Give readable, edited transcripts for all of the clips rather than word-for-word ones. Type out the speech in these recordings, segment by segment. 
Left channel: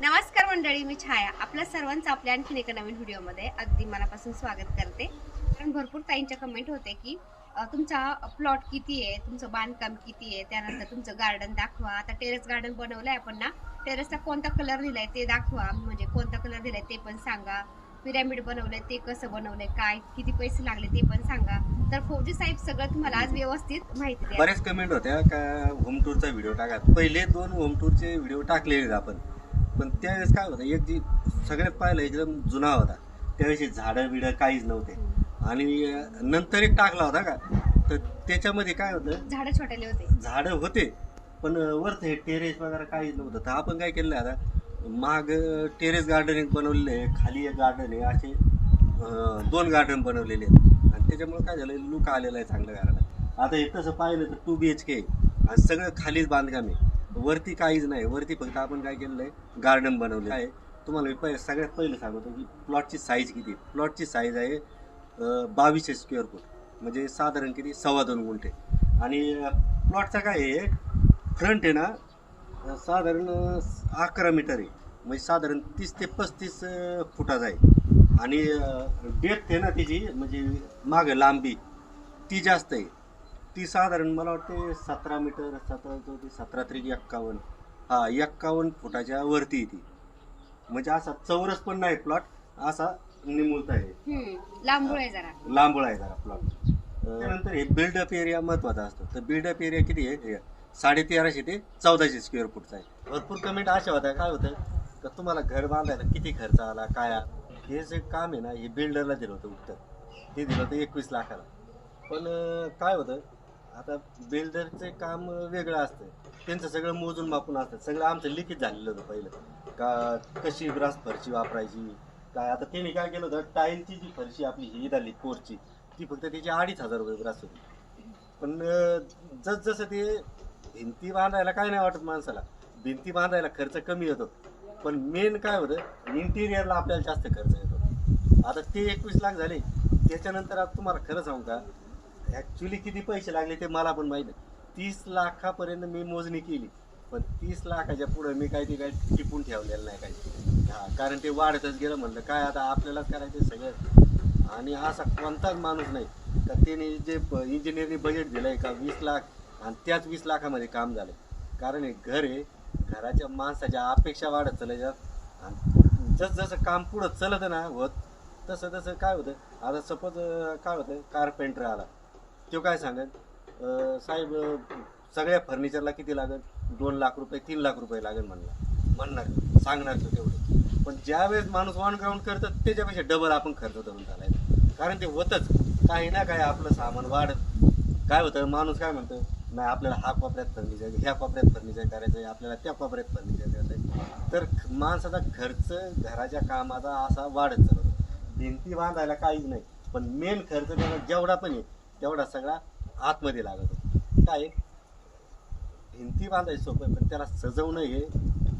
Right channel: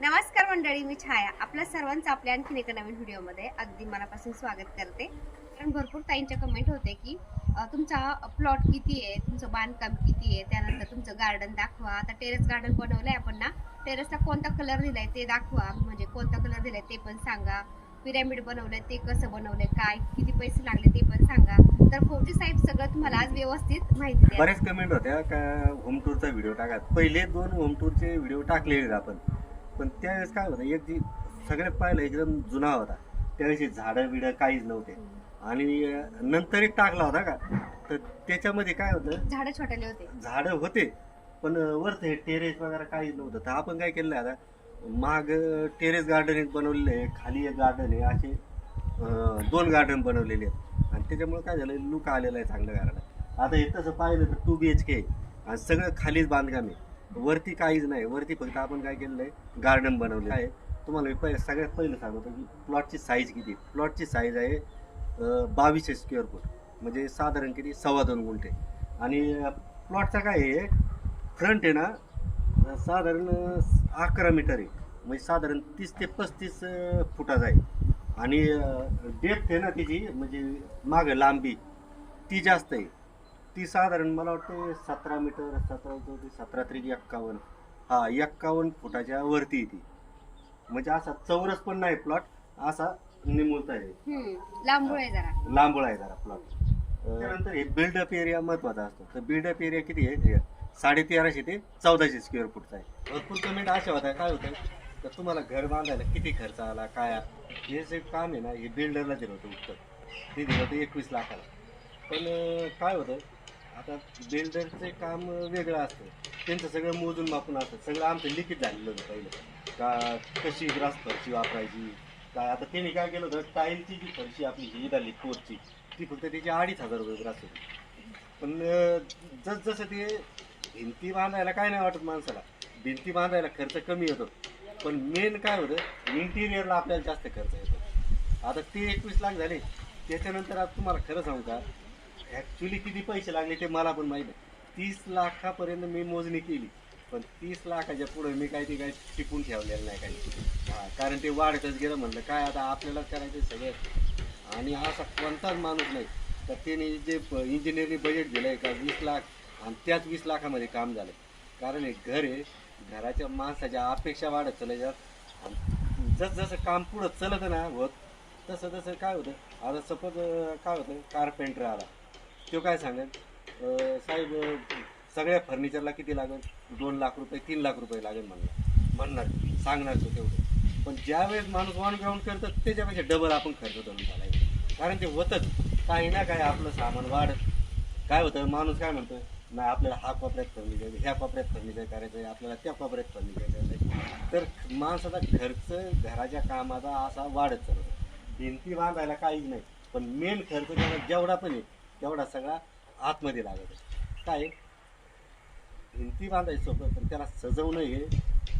नमस्कार मंडळी, मी छाया. आपल्या सर्वांचं आपल्या आणखीन एका नवीन व्हिडिओमध्ये अगदी मनापासून स्वागत करते. कारण भरपूर ताईंच्या कमेंट होते की तुमचा प्लॉट किती आहे, तुमचं बांधकाम किती आहे, त्यानंतर तुमचं गार्डन दाखवा. आता टेरेस गार्डन बनवलंय आपण ना, टेरेसला कोणता कलर दिलाय ते दाखवा, म्हणजे कोणता कलर दिलाय ते पण सांगा. पिरॅमिड बनवलंय ते कसं बनवलंय, काय किती पैसे लागले ते पण सांगा. तर फौजी साहेब सगळं तुम्हाला आज व्यवस्थित माहिती द्या. बरेच कमेंट होत्या का होम टूरचा व्हिडिओ टाका. पहिले 2 होम टूरचे व्हिडिओ टाकलेले आपण, पण त्यावेळेस काय होतं, एक जी सगळ्यात पहिला एकदम जुना होता, त्यावेळेस झाडं बिडं काहीच नव्हते. आणि नंतर एक टाकला होता का, तर त्याच्यामध्ये काय होतं, झाडं छोटेले होते, झाडं होते पण वरचं हे टेरेस वगैरे काहीच नव्हतं. तर आपण काय केलं आता, माग टेरेस गार्डन एक बनवलेलं आहे, खाली एक गार्डन आहे, असे 2 गार्डन बनवलेले आहेत. आणि त्याच्यामुळे काय झालं, लुक आलेला आहे चांगलं घराला. आता हे तसं पाहिलं तर 2 BHK आहे आणि सगळं खालीच बांधकाम आहे, वरती काहीच नाही. वरती फक्त आपण काय केलेलं आहे, गार्डन बनवलेलं आहे. तुम्हाला मी सगळ्यात पहिलं सांगतो की प्लॉटची साईज किती. प्लॉटची साईज आहे 2200 स्क्वेअर फूट, म्हणजे साधारण किती 2.25 गुंठे. आणि प्लॉटचा काय आहे, फ्रंट आहे ना साधारण 11 मीटर आहे, म्हणजे साधारण 30 ते 35 फुटाचा आहे. आणि डेप्थ आहे ना त्याची, म्हणजे मागं लांबी ती जास्त आहे. ती साधारण मला वाटते 17 मीटर, 17 त्रिक 51, 51 फुटाच्या वरती ती. म्हणजे असा चौरस पण नाही प्लॉट, असा निमुळता आहे, लांबूळ आहे जरा, लांबळ आहे जरा प्लॉट. त्यानंतर हे बिल्डअप एरिया महत्वाचा असतो. तर बिल्डअप एरिया किती आहे, 1350 ते 1400 स्क्वेअर फूटचा आहे. भरपूर कमेंट अशा होत्या, काय होतं तर तुम्हाला घर बांधायला किती खर्च आला काय. हे जे काम आहे ना, हे बिल्डरला दिलं होतं उत्तर, ते दिलं होतं 21 लाखाला. पण काय होतं, आता बिल्डरचे काम वेगळं असतं, त्यांचं सगळं मोजून मापून असतं. सगळं आमचं लिखित झालेलं होतं पहिलं, का कशी ब्रास फरशी वापरायची काय. आता त्यांनी काय केलं होतं, टाईलची जी फरशी आपली ही झाली कोरची, ती फक्त त्याची 2500 रुपये ब्रास होती. पण जसं ते भिंती बांधायला काय नाही वाटत माणसाला, भिंती बांधायला खर्च कमी येतो, पण मेन काय होतं, इंटिरियरला आपल्याला जास्त खर्च येतो. आता ते 21 लाख झाले. त्याच्यानंतर आता तुम्हाला खरं सांगू का, ॲक्च्युली किती पैसे लागले ते मला पण माहीत नाही. 30 लाखापर्यंत मी मोजणी केली, पण 30 लाखाच्या पुढे मी काही ते काही टिपून ठेवलेलं नाही काही. कारण ते वाढतच गेलं. म्हणलं काय आता आपल्याला करायचं सगळं. आणि असा कोणताच माणूस नाही तर त्याने जे इंजिनिअरिंग बजेट दिलं आहे का 20 लाख, आणि त्याच 20 लाखामध्ये काम झालं. कारण हे घर आहे, घराच्या माणसाच्या अपेक्षा वाढत चालायच्यात. आणि जसं काम पुढं चलत ना होत, तसं तसं काय होतं. आता सपोज काय होतं, कारपेंटर आला, तो काय सांगेल, साहेब सगळ्या फर्निचरला किती लागेल, 2 लाख रुपये 3 लाख रुपये लागेल म्हणणार सांगणार तो तेवढे. पण ज्यावेळेस माणूस ऑन ग्राउंड करतं त्याच्यापेक्षा डबल आपण खर्च करून चालायचं. कारण ते होतंच काही ना काय, आपलं सामान वाढत. काय होतं, माणूस काय म्हणतं, नाही आपल्याला हा कोपऱ्यात फर्निचर, ह्या कोपऱ्यात फर्निचर करायचं आहे, आपल्याला त्या कोपऱ्यात फर्निचर करायचं आहे. तर माणसाचा खर्च घराच्या कामाचा असा वाढत चालतो. भिंती बांधायला काहीच नाही, पण मेन खर्च त्याला जेवढा पण आहे तेवढा सगळा आतमध्ये लागत. काय भिंती बांधायचं सोपं, पण त्याला सजवणं हे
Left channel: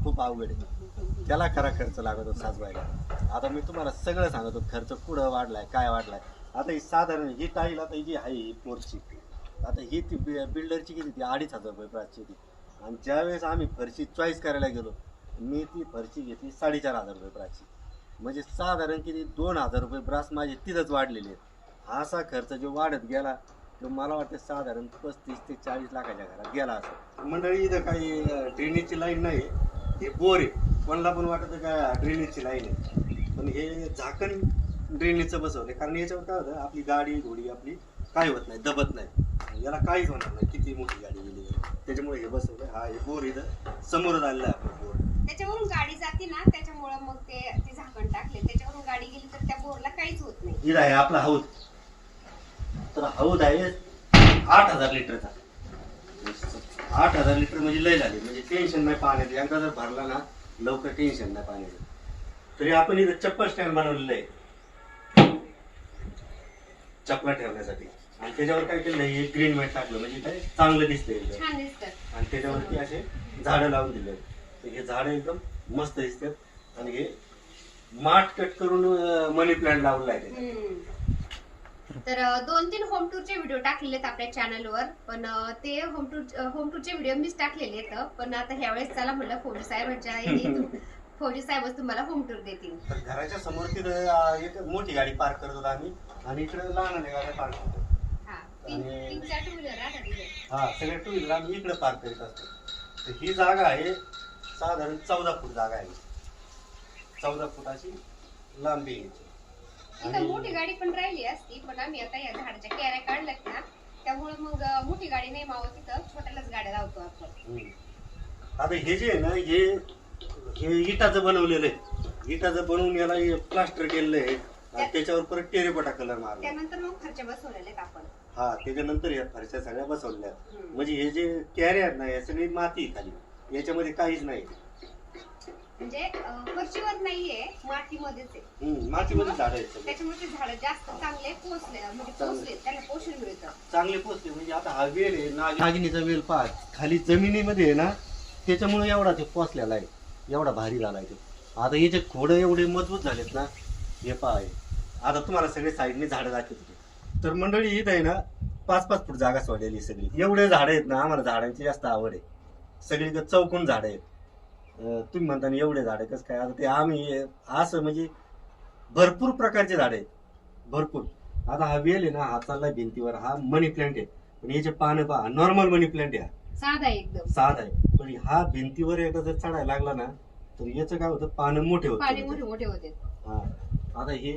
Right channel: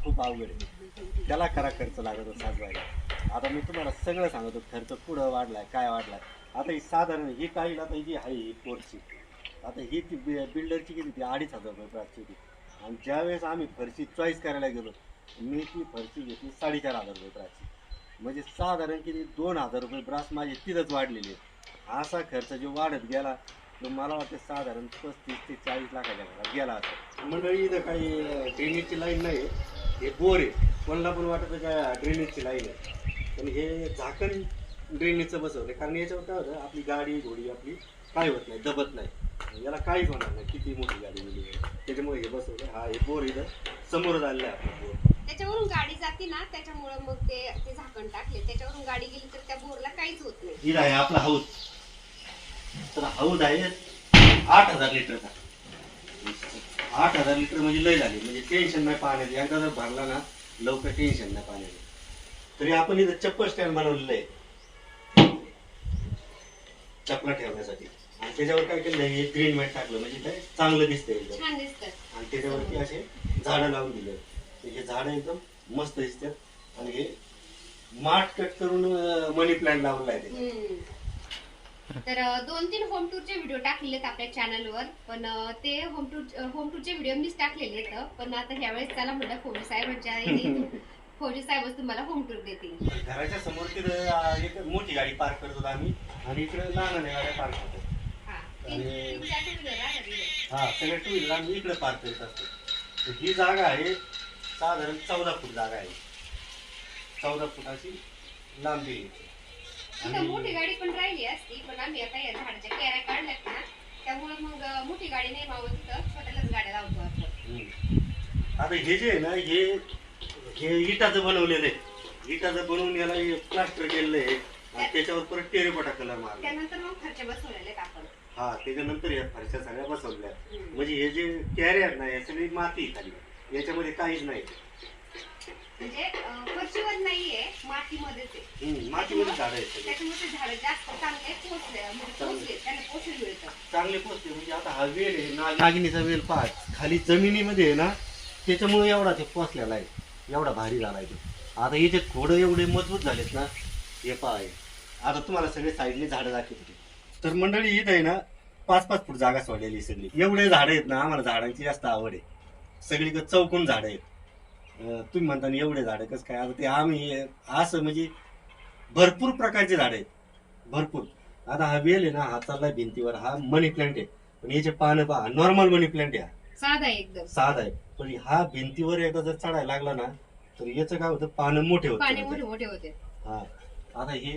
खूप अवघड आहे, त्याला खरा खर्च लागतो साजवायला. आता मी तुम्हाला सगळं सांगतो, खर्च कुठं वाढलाय काय वाढलाय. आता ही साधारण ही टाईल आता ही जी आहे ही पोरची, आता ही ती बिल्डरची किती ती 2500 रुपये प्राची ती. आणि ज्यावेळेस आम्ही फरशी चॉईस करायला गेलो, मी ती फरशी घेतली 4500 रुपये प्राची. म्हणजे साधारण किती 2000 रुपये ब्रास माझे तिथंच वाढलेले आहेत. असा खर्च जो वाढत गेला तो मला वाटतं साधारण 35 ते 40 लाखाच्या घरात गेला असं. मंडळी इथं काही ड्रेनेजची लाईन नाही, हे बोर आहे. कोणाला पण वाटतं का ड्रेनेजची लाईन आहे, पण हे झाकण ड्रेनेजचं बसवलं. कारण याच्यावर काय होतं, आपली गाडी घोडी आपली काय होत नाही, दबत नाही, याला काहीच होणार नाही किती मोठी गाडी गेली. त्याच्यामुळे हे बसवलं. हा हे बोर इथं समोर आलेलं आहे आपलं बोर, त्याच्यावरून गाडी जाते ना, त्याच्यामुळं मग ते झाकण टाकले, त्याच्यावरून गाडी गेली तर त्या बोरला काहीच होत नाही. इथं आहे आपला हाऊस. तर हाऊस आहे 8000 लिटरचा. 8000 लिटर म्हणजे लय झाली, म्हणजे टेन्शन नाही पाण्याचं. एकदा जर भरला ना लवकर टेन्शन नाही पाण्याचं. तरी आपण इथं चप्पल स्टँड बनवलेलं आहे चपला ठेवण्यासाठी. आणि त्याच्यावर काय केलं, हे ग्रीन मॅट टाकलं, म्हणजे काय चांगलं दिसतंय, छान दिसतं. आणि त्याच्यावरती असे झाडं लावून दिले. तर हे झाडं एकदम मस्त दिसतात. आणि हे माठ कट करून मनी प्लांट लावलेला आहे. तर 2-3 होम टूरचे व्हिडिओ टाकलेले आहेत आपल्या चॅनलवर, पण ते होम टूरचे व्हिडिओ मीच टाकलेले आहेत. पण आता ह्यावेळेस चला म्हटलं फौजी साहेबांच्या फौजी साहेबच तुम्हाला होम टूर देतील. तर घराच्या समोर तिथं एक मोठी गाडी पार्क करत होतो आम्ही आणि इकडे लहान गाड्या पार्क करतो. हा आणि- 3-4 टू व्हीलर आहे तिथे. हा सगळे टू व्हीलर आम्ही इकडे पार्क करत असतो. तर ही जागा आहे साधारण 14 फूट जागा आहे. 14 फुटाची लांबी आहे. तिथं मोठी गाडी पण राहिली असती, पण आम्ही आता या झाडाच्या कॅऱ्या काढल्यात ना, त्यामुळे मग मोठी गाडी नाही मावत, तिथं छोट्यालाच गाड्या लावतो आपण. आता हे जे आहे ना हे इटाचं बनवलेलं आहे. इटाचं बनवून याला प्लास्टर केलेलं आहे आणि त्याच्यावर परत टेरेकोटा कलर मारला. त्यानंतर मग फरच्या बसवलेल्या आहेत आपण. हा त्याच्यानंतर या फरशा सगळ्या बसवल्या. हम्म. म्हणजे हे जे कॅरे आहेत ना हे सगळी माती आहे खाली, याच्यामध्ये काहीच नाही. म्हणजे फरशीवर नाहीये, मातीमध्येच आहे. मातीमध्ये झाड आहेत सगळे त्याच्यामुळे ते झाडं जास्त चांगले पोचले, म्हणजे पोचले, त्यांना पोषण मिळतं. चांगले पोचले. म्हणजे आता हा वेल आहे नागिनीचा वेल पहा खाली जमिनीमध्ये आहे ना, त्याच्यामुळे एवढा ते पोचलेला आहे, एवढा भारी झाला आहे. आता याचे खोडं एवढे मजबूत झालेत ना, हे पहा आहे. आता तुम्हाला सगळे साईडने झाडं दाखवते. तर मंडळी इथं आहे ना 5-5 फूट जागा सोडलेली सगळी. एवढे झाडं आहेत ना, आम्हाला झाडांची जास्त आवड आहे. सगळीकडे चौकोन झाडं आहेत. तुम्ही म्हणता ना एवढे झाडं कसं काय, आता ते आम्ही असं म्हणजे भरपूर प्रकारचे झाडं आहेत, भरपूर. आता हा वेल आहे ना, हा चाललाय भिंतीवर, हा मनी प्लांट आहे. पण याचे पानं पहा, नॉर्मल मनी प्लांट आहे, साधा आहे एकदम. साधा आहे. पण हा भिंतीवर एकदा जर चढायला लागला ना, तर याचं काय होतं, पानं मोठे पाणी होते. मोठे मोठे होते. हा आता हे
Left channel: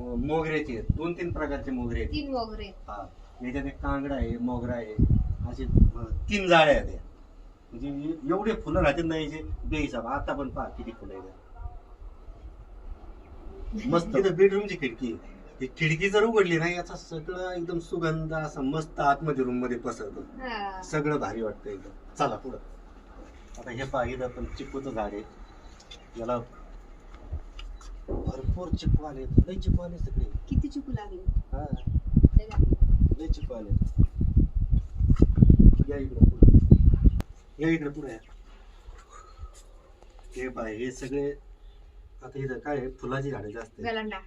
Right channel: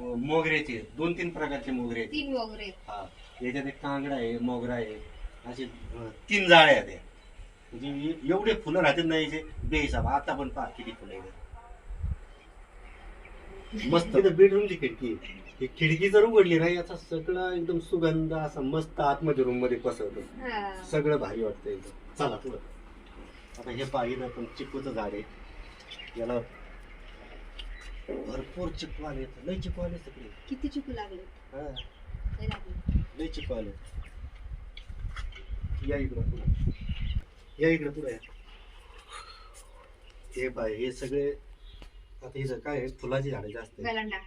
मोगऱ्याचे 2-3 प्रकारचे मोगरे आहेत. 3 वगैरे आहेत. हा याच्यात एक कांगडा आहे, मोगरा आहे, असे 3 जाळ्या आहेत. म्हणजे एवढे फुलं राहतील ना याचे बेहिसाब. आता पण पहा किती फुलं आहेत. मस्त. तिथं बेडरूमची खिडकी आहे. ही खिडकी जर उघडली ना, याचा सगळं एकदम सुगंध असा मस्त आतमध्ये रूम मध्ये पसरतो. हा. सगळं भारी वाटतं एकदम. चला पुढं. आता हे पाहिलं पण चिकूचं झाड आहे. याला भरपूर चिकू आले, लय चिकू आले सगळे. किती चिकू लागले? हा लय लागले. लय चिकू आले. या इकडं पुढे, या इकडे पुढे. हे पाय हे सगळे आता इथं काय आहे, फुलाची झाडं जास्त आहेत. गलांडा,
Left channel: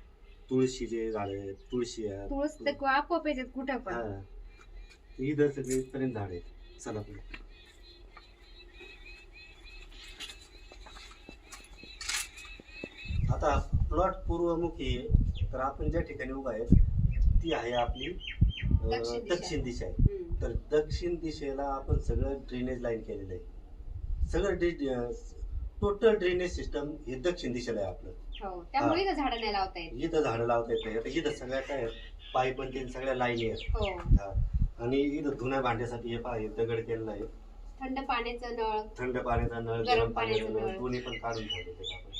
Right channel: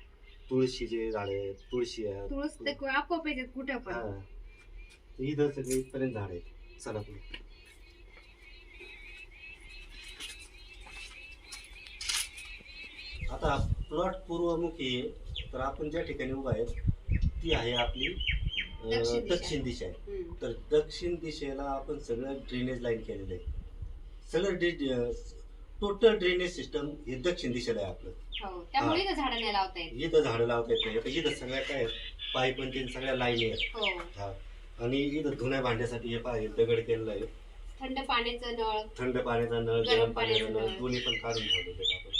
तुळशीचे झाड आहेत, तुळशी आहे. तुळस तर आपोआप येतात कुठं पण. हा इथं सगळे पर्यंत झाड आहेत. चला पुढे. आता प्लॉट पूर्वमुखी आहे. तर आपण ज्या ठिकाणी उभा आहे ती आहे आपली दक्षिण दिशा आहे. हम्म. तर दक्षिण दिशेला आपण सगळं ड्रेनेज लाईन केलेलं आहे. सगळं टोटल ड्रेनेज सिस्टम हे दक्षिण दिशेला आहे आपलं. हो, त्यामुळे इथं झाडं नाही लावता येत. इथं झाडं लावता येत नाही. आता इथं सगळ्या काय आहेत, पाईप पण तीन सगळ्या लाईनी आहेत. हो. हा. आणि इथं धुण्या भांड्यासाठी हे पहा हे दगड केलेलं आहे. थंड पाण्याचं नळ, थंड पाण्याचा नळ, गरम गरम पाण्याचा पाण्याचा नळ नळ. दोन्ही पण काढून ठेवले आपण.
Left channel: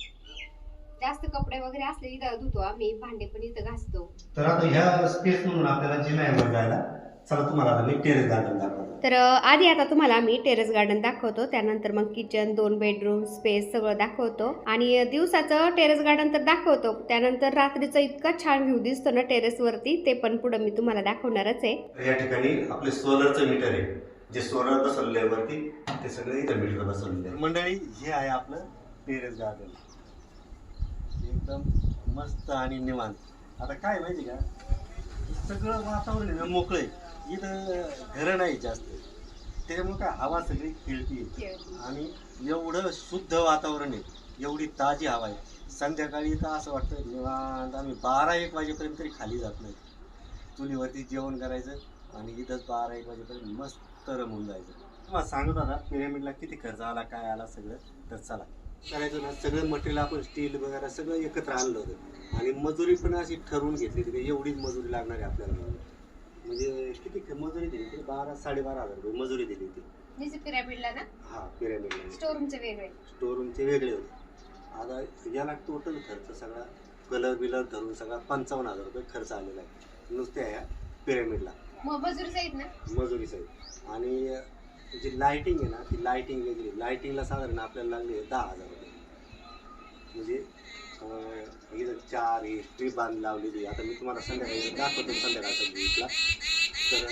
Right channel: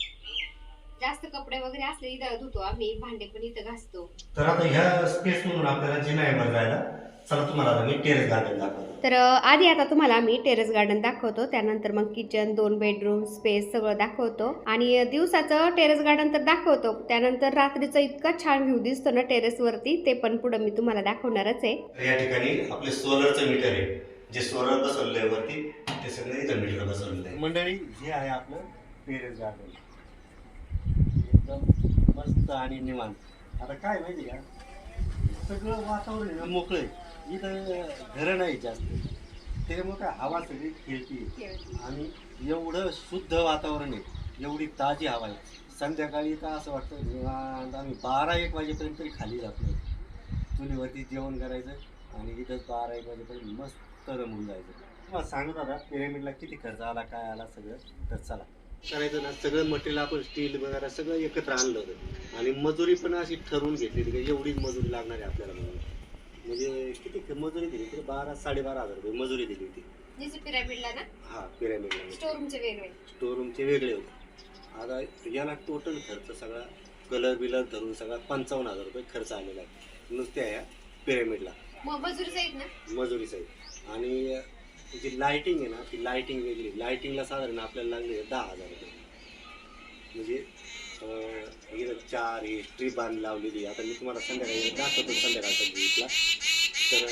जास्त कपडे वगैरे असले इथं धुतो आम्ही, भांडे पण इथं घासतो. तर आता ह्या स्पेस म्हणून आपल्याला जिना आहे वर जायला. चला तुम्हाला आता मी टेरेस गार्डन दाखवतो. तर आधी आता तुम्हाला मी टेरेस गार्डन दाखवतो, त्यानंतर मग किचन, 2 बेडरूम स्पेस सगळं दाखवतो. आणि दिवसाचं टेरेस गार्डन तर दाखवतो, त्यानंतर रात्रीचं इतका छान व्ह्यू दिसतो ना टेरेस वरती, ते पण पुढे मी तुम्हाला दाखवणारच आहे. या ठिकाणी आपले सोलरचं मीटर आहे. जे सोलर बसवले आहे वरती ते सगळे इथं मीटर बसवलेलं आहे. मंडळी हे आहे आपलं टेरेस गार्डन. एकदम मस्त आणि निवांत. आता काय माहिती का, सगळं वातावरण आहे ना मोकळं आहे. इथं घरं नाही जास्त, त्याच्यामुळे काय हवा सगळी खेळती आणि एवढं शुद्ध वातावरण आहे, एवढी ताजी हवा आहे. संध्याकाळी तर असं वाटतं निवांत आम्ही 12-1 वाजेपर्यंत तरी खाली जात नाही. चुलीवरती जेवण करायचं आणि इथंच 12-1 वाजेपर्यंत मस्त रमून जायचं. तुम्हाला सांगत होता पिरॅमिडला किती खर्च आला, काय आला सगळं. तर चला करायचं ना, सगळं मटेरियल आपण स्टील वगैरे सगळं एकत्र आणलं होतं आणि मजुरी पण अशी ठरवून घेतली की एवढीच मजुरी लागणार आहे आपल्याला म्हणून. म्हणजे किती मजुरी दिली तरी 12-12.5 हजार रुपये मजुरी दिली होती. पिरॅमिडला ना, हा पिरॅमिडला. स्टोरूमचे वेगळे, स्टोरूमचे वेगळे होते. आता याला टोटल खर्च सगळा कलर बिलर धरून सगळा 55,000 रुपये खर्च आलेला आहे नुसत्या या पिरॅमिडला. मजुरी सहित ना, मजुरी सहित. आणि जी लाईटिंग आहे ना, ती लाईटिंग वेगळी. लाईटिंगला साधारण आपल्याला लागले 10,000 रुपये. म्हणजे इथं 4 ही स्ट्रीप बांध लावलेली. आता मी तुम्हाला संध्याकाळी दाखवतो संध्याकाळचा व्ह्यूला. तर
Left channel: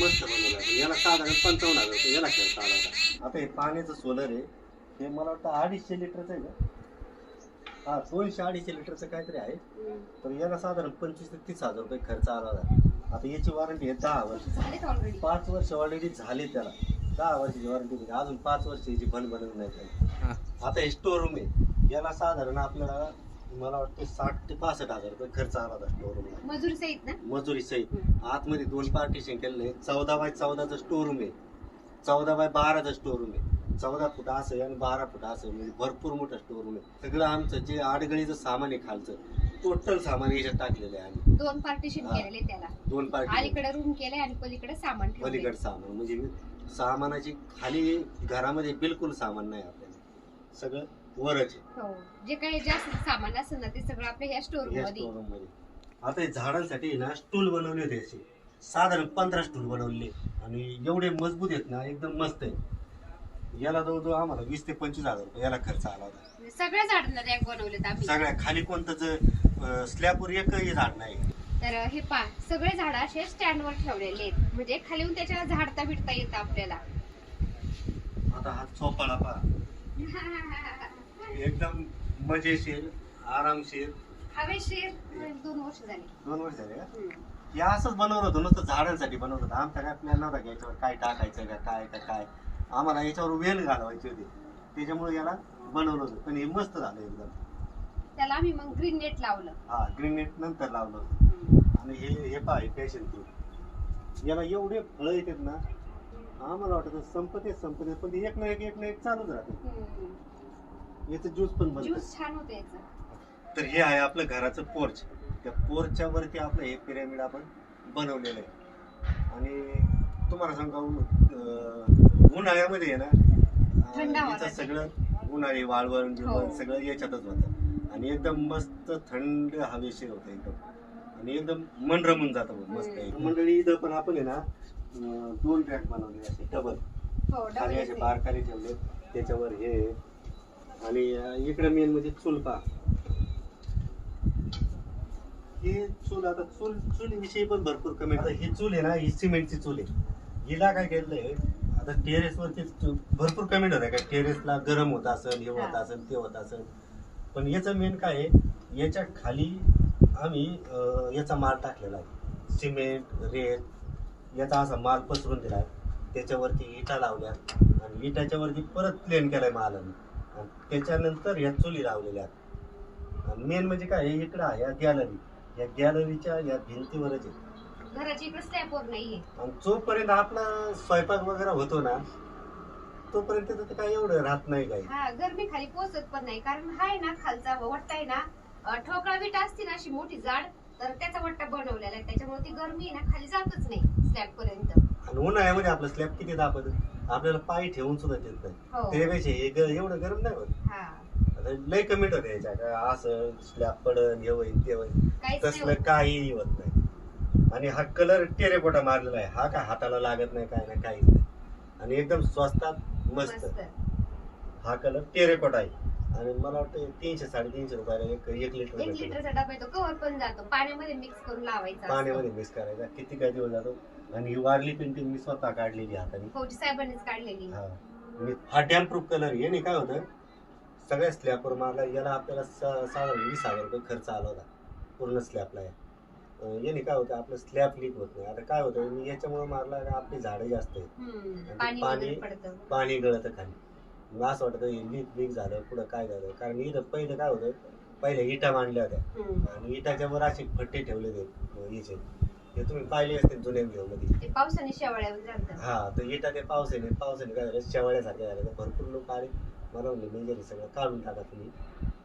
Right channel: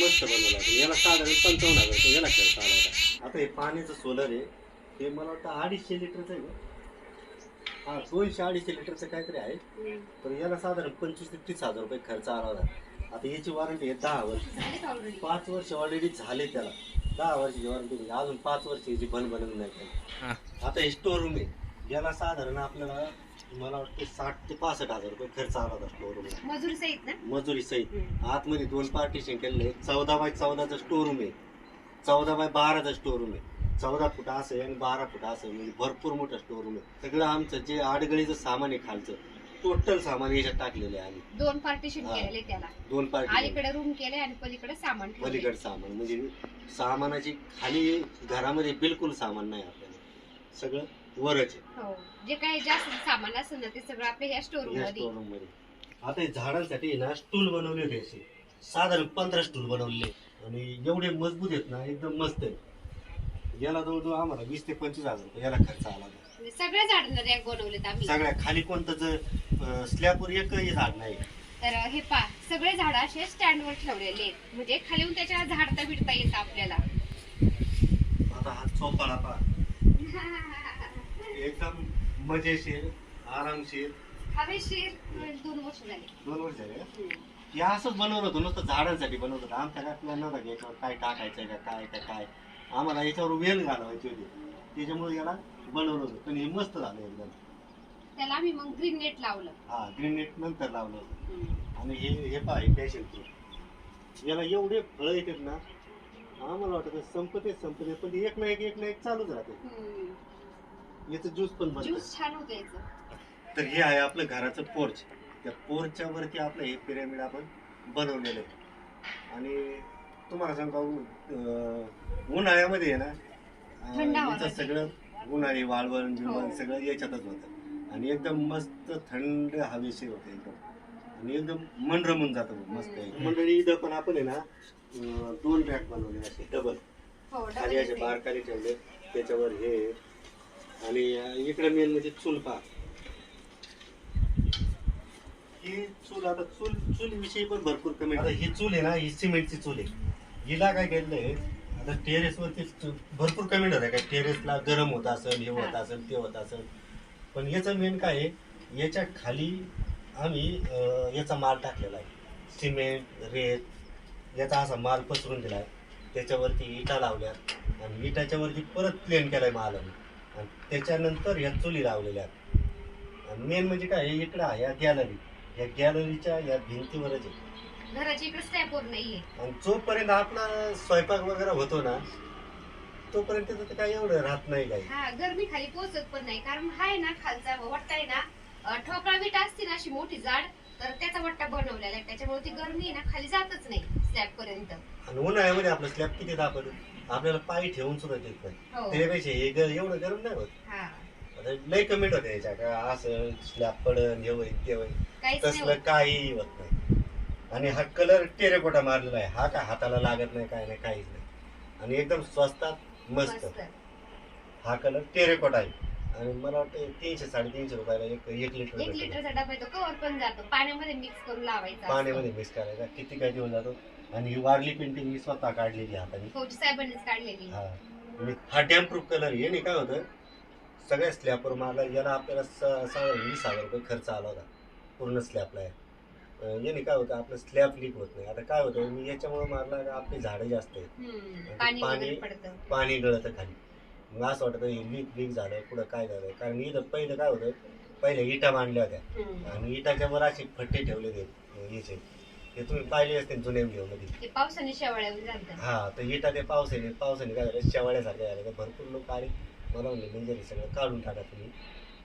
मस्त बनवलं आहे. पण याला साधारण 55,000 रुपये याला खर्च आला होता. आता हे पाण्याचं सोलर आहे, हे मला वाटतं 250 लिटरचं आहे ना. हा 200-250 लिटरचं काहीतरी आहे. तर याला साधारण 25,000 ते 30,000 रुपये खर्च आला होता. आता याची वॉरंटी आहे 10 वर्ष. 5 वर्ष ऑलरेडी झाले त्याला. 10 वर्षाची वॉरंटी म्हणजे अजून 5 वर्ष याची बनवून नाही. आता हे स्टोर रूम आहे. याला साधारण आपल्याला मला वाटतं 60 ते 65,000 रुपये खर्च आला होता स्टोरूमला, मजुरी सहित ना. मजुरी सहित. हम्म. आतमध्ये 2 पार्टिशन केलेले, 14 बाय 14चं स्टोरूम आहे, 14 बाय 12चं स्टोरूम आहे, 14 फूट असं आहे आणि 12 फूट असं आहे, म्हणजे भरपूर मोठं स्टोरूम आहे. सगळं आमचं जे आडगळीचं सामान आहे खालचं टोटल सामान याच्यात टाकलेलं आहे आम्ही. 2 पार्टिशन हा. केलेले त्याला. 2 पार्टिशन, अलीकडे रूम केले आणि पलीकडे सामान ठेवलंय. पलीकडे सामान, म्हणजे सामानाची खाली घरामध्ये बिलकुल सामान नाही आपल्याला, सगळं वरच आहे. हो, जे काही जास्त सामान असेल ना ते सगळं आपल्या ह्या स्टोरूम या मध्ये. स्टोरूम मध्ये. आता हे झाडांसाठी ना स्टूल बनवले होते असे, साधारण 15 स्टूल बनवले आणि एवढे मजबूत आहेत ना, एकदम मस्त आहे. याला जवळजवळ आम्हाला 20 ते 25,000 रुपये याला खर्च आला होता. म्हणजे सगळ्या झाडांना रॅक बनवलेत आम्ही. सगळ्या खाली कोणतं स्लॅबवर एकही झाड नाही. तर हे पा सगळे झाड असे स्टँडवर ठेवलेले आहेत, म्हणजे खाली येऊन त्याच्या झाडता बिडता येतं आपल्याला. आता हा चोपाळा पहा, एकदम मजेशीर, आरामशीर. हवेशीर. 2 वर्ष झाली. 2 वर्ष झाले का? हे असंच बनवलं होतं, नुसतं झाडांसाठी बनवलं होतं. आमच्या काय प्लॅन नव्हता की याच्यावर काय टाकायचं का काय. आम्हाला याच्यावर वेल घालवायची होती, त्याच्यामुळे याला बनवलं होतं. पण हे मस्त झालं एकदम. त्याला आम्ही मग ग्रीन नेट लावलं. हा, ग्रीन नेट नंतर लावलं होतं. आणि हे पहा, हे पॅशन फ्रूट, याला एवढे फळं येतात ना, आम्हाला वाटतं संपते पण ते एक ना एक चालूच राहते. याचं ज्यूस पण बनतं. ज्यूस छान होतं याचं. तर हे आहे आपलं घराचं पोर्च. त्या पोर्चच्या वरती आपलं हे पिरॅमिड आपण बनवलेलं आहे. आणि तुम्हाला सांगा, उन्हाळ्यामध्ये आहे ना, थंड हवा याचं राहते. सगळं उन्हाळी वाळवण बिळवण हो. सगळं याच्यातच होतं आणि एकदम मस्त थंड हवेशीर होतं एकदम, आणि एकदम मन रमून जातं मस्त. मंडळी इथं पण आपण आहे ना 2 रॅक बनवले असे डबल, हो, खाली असे डबल बार खाली ठेवले, त्याच्यावर हे. आणि इकडे मेन म्हणजे चूल पहा. ही चूल, आता चुलीविषयी पण भरपूर कमेंट. आता ही चूल आहे ना, ही सिमेंटची चूल आहे. हिला काय केलंय, आता टेरेसवरती भरपूर कमेंट होत्या काय टेरेसला गरम होत असेल, हे होत असेल, ते होत असेल. पण याचं मेन काय आहे, याच्या खाली आम्ही याचा माल टाकलेला आहे, सिमेंट रेत याचा असा माल पसरून दिला आहे. त्याच्यावरती इटा लावल्या आणि विटाच्या वरती परत प्लेन केलाय माल आम्ही, आणि त्याच्यानंतर ह्या चुली लावलेल्या आहेत. आणि मेन म्हणजे काय, इकडं आहे या गॅलरी, या गॅलरीच्या या भिंतीवरच आहे. घराची इकडे स्लॅपवर नाहीये. आणि जोपर्यंत आपला स्वयंपाक वगैरे होतो ना, तोपर्यंत तर काय एवढं राहत नाही काही. हा, गरमी खाली पोहोचत पण नाही, कारण हा आहे ना खालचा वट्टा आहे ना, ठोकळा विटा असते ना अशी मोठी जाड, तर त्याचा वट्टा बनवलेला आहे, त्याच्यामुळे ती गरमी आहे ना खाली जातच नाही स्लॅब पर्यंत. आणि उन्हाळ्यामध्ये आपलं स्लॅब किती दाबत, आपल्याला पाय ठेवून सुद्धा देत नाही. हो. त्यापेक्षा हे एवढं गरम नाही होत. हा, आता लय कमेंट होते याच्या का असं स्लॅब पडन, हे होईल ते होईल, काहीच नाही तसलं होत. काहीही होत नाही. आणि हा कलर टेरेकोटा मारलेला आहे, हा काय हाताला लागत नाही, काय नाही, काहीच नाही. आणि एकदम स्वस्तात मस्त. मस्त. हा कलर टेरेकोटा आहे. आणि मला वाटतं 300-350 रुपयाला एक लिटर 1 लिटरचा डबा येतो, कवर पण जातो, पाण्यामध्ये मिक्स करून लावायचा. पाण्यामध्ये मिक्स करायचा, किती काय दिवस जातो. आणि ही वारली पेंटिंग मी स्वतः काढलेली हाताने. फौजी साहेबांनीच काढलेली. हा डॅम प्रूफ कलर आहे. याने काय होतं, सगळ्या स्लॅबवर मारला, याला आपल्याला साधारण 20,000 रुपये खर्च आला होता पूर्ण स्लॅबला. याने काय होतं, आपलं स्लॅब लीक होत नाही. आता काय होतं, मी याच्यामुळे मारला, आपली झाडं जास्त आहेत, पाणी वगैरे पडतं. पाणी गळतं खाली. मग असं वाटतं हे लीक झालं, पुढं काय झालं. कारण इथं पहिलं काय होतं, पहिले इटा मांडल्या होत्या आणि इटाच्या वर असे फट्टे ठेवले होते याचे, हे तुम्ही पाहिले असते जुन्या व्हिडिओ मध्ये. ते पावसाने शेवाळ्या झालं. हा, तर इटा ते पावसाने काय झालं, शेवाळ्यासारखं झालं. तर भरपूर लोक आले मला म्हणले, म्हणजे सगळं काढून टाका तुम्ही.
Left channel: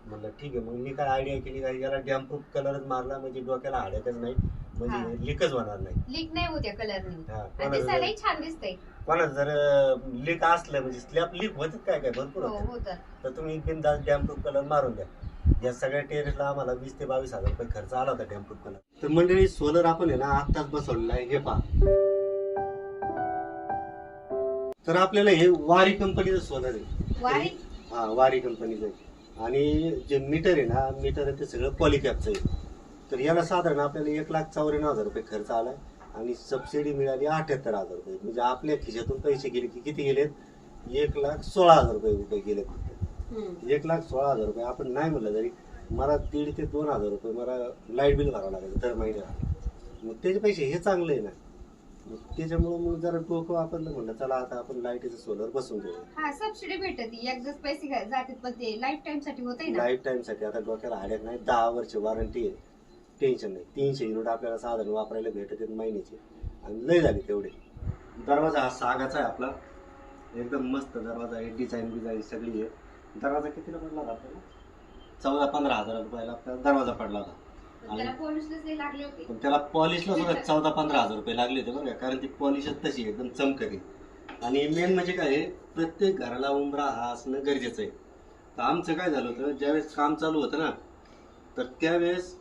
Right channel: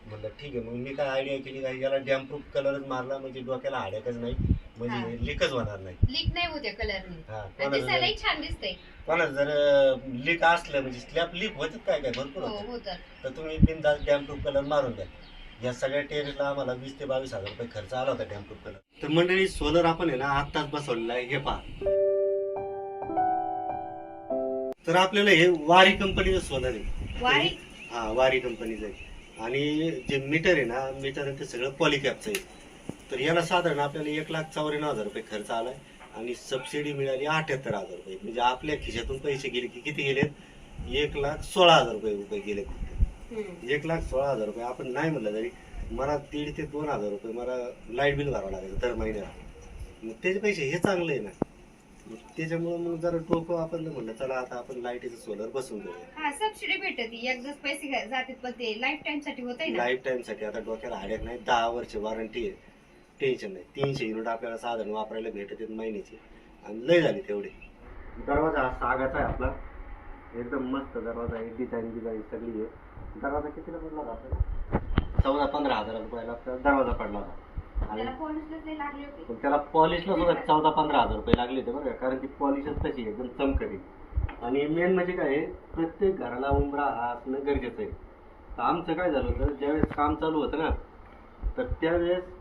म्हणलं ठीक आहे. मग मी काय आयडिया केली, काय याला डॅम प्रूफ कलरच मारला, म्हणजे डोक्याला हाडायचंच नाही, म्हणजे लीकच होणार नाही. लीक नाही होते कलरने. हा, दिसायलाही छान दिसतंय. कोणाचं जर लीक असलं, म्हणजे स्लॅब लीक होत काय भरपूर होतं, तर तुम्ही बिनधास्त डॅम प्रूफ कलर मारून द्या. या सगळ्या टेरेसला आम्हाला 20 ते 22,000 रुपये खर्च आला होता डॅम प्रूफ कलर. तर मंडळी, सोलर आपण आहे ना आत्ताच बसवलेला आहे, हे पहा. तर आपल्याला हे वारी कंपनीचं सोलर आहे. वारी? हा, वारी कंपनीचं आहे. आणि जे मीटर आहे ना, मीटर ते सगळं पॉलिकॅपचं आहे. तर याला साधारण आपल्याला 1,94,000 रुपये खर्च आलाय आणि सबसिडी मिळाली 78,000 रुपये. म्हणजे आपल्या खिशातून पैसे गेले की किती गेलेत, 1,16,000 रुपये गेले फक्त. 1,16,000 रुपये आपण नाही म्हणलं तरी मला 1,500 ते 2,000 रुपये मला लाईट बिल भरावं लागेल दर महिन्याला. मग त्याचे पैसे हे चांगलं आहे ना. त्याच्यामुळे मग जरा डोकं वापरलं म्हणलं चला आता आपण लाईटीचं सोलर बसून घेऊया. हा सबसिडी भेटते एकदाच पैसे जातात पण ते लाईफ टाइम साठी होत आहे ना. लाईफ टाइम साठी आता डोक्याला हाड्याक नाही, 10 वर्ष वॉरंटी आहे, टेन्शन नाही. 300 युनिट आपल्याला साधारण वापरायला भेटत आहेत महिन्याची, आणि लय झाली तेवढे. दरवाजा हा सागाचा आहे आपला, एकदम मस्त दरवाजा आहे, डिझाईन सगळी आहे. दरवाजा कितीला पडला होता आपल्याला? 14-15 हजार रुपयाला आपला दरवाजा पडला होता. आणि त्याला पॉलिशलाच लई लागले होते. पण त्याला पॉलिशला सुद्धा 14-15 हजार रुपये लागले होते बरं का, कारण ती पॉलिशच तशी आहे, एकदम चमकते. आणि मेन म्हणजे काय आहे, प्रत्येक घराला उंबरा हा असणं गरजेचं आहे. तर आमचं काय झालं होतं, ज्यावेळेस काम चालू होतं ना, तर त्यावेळेस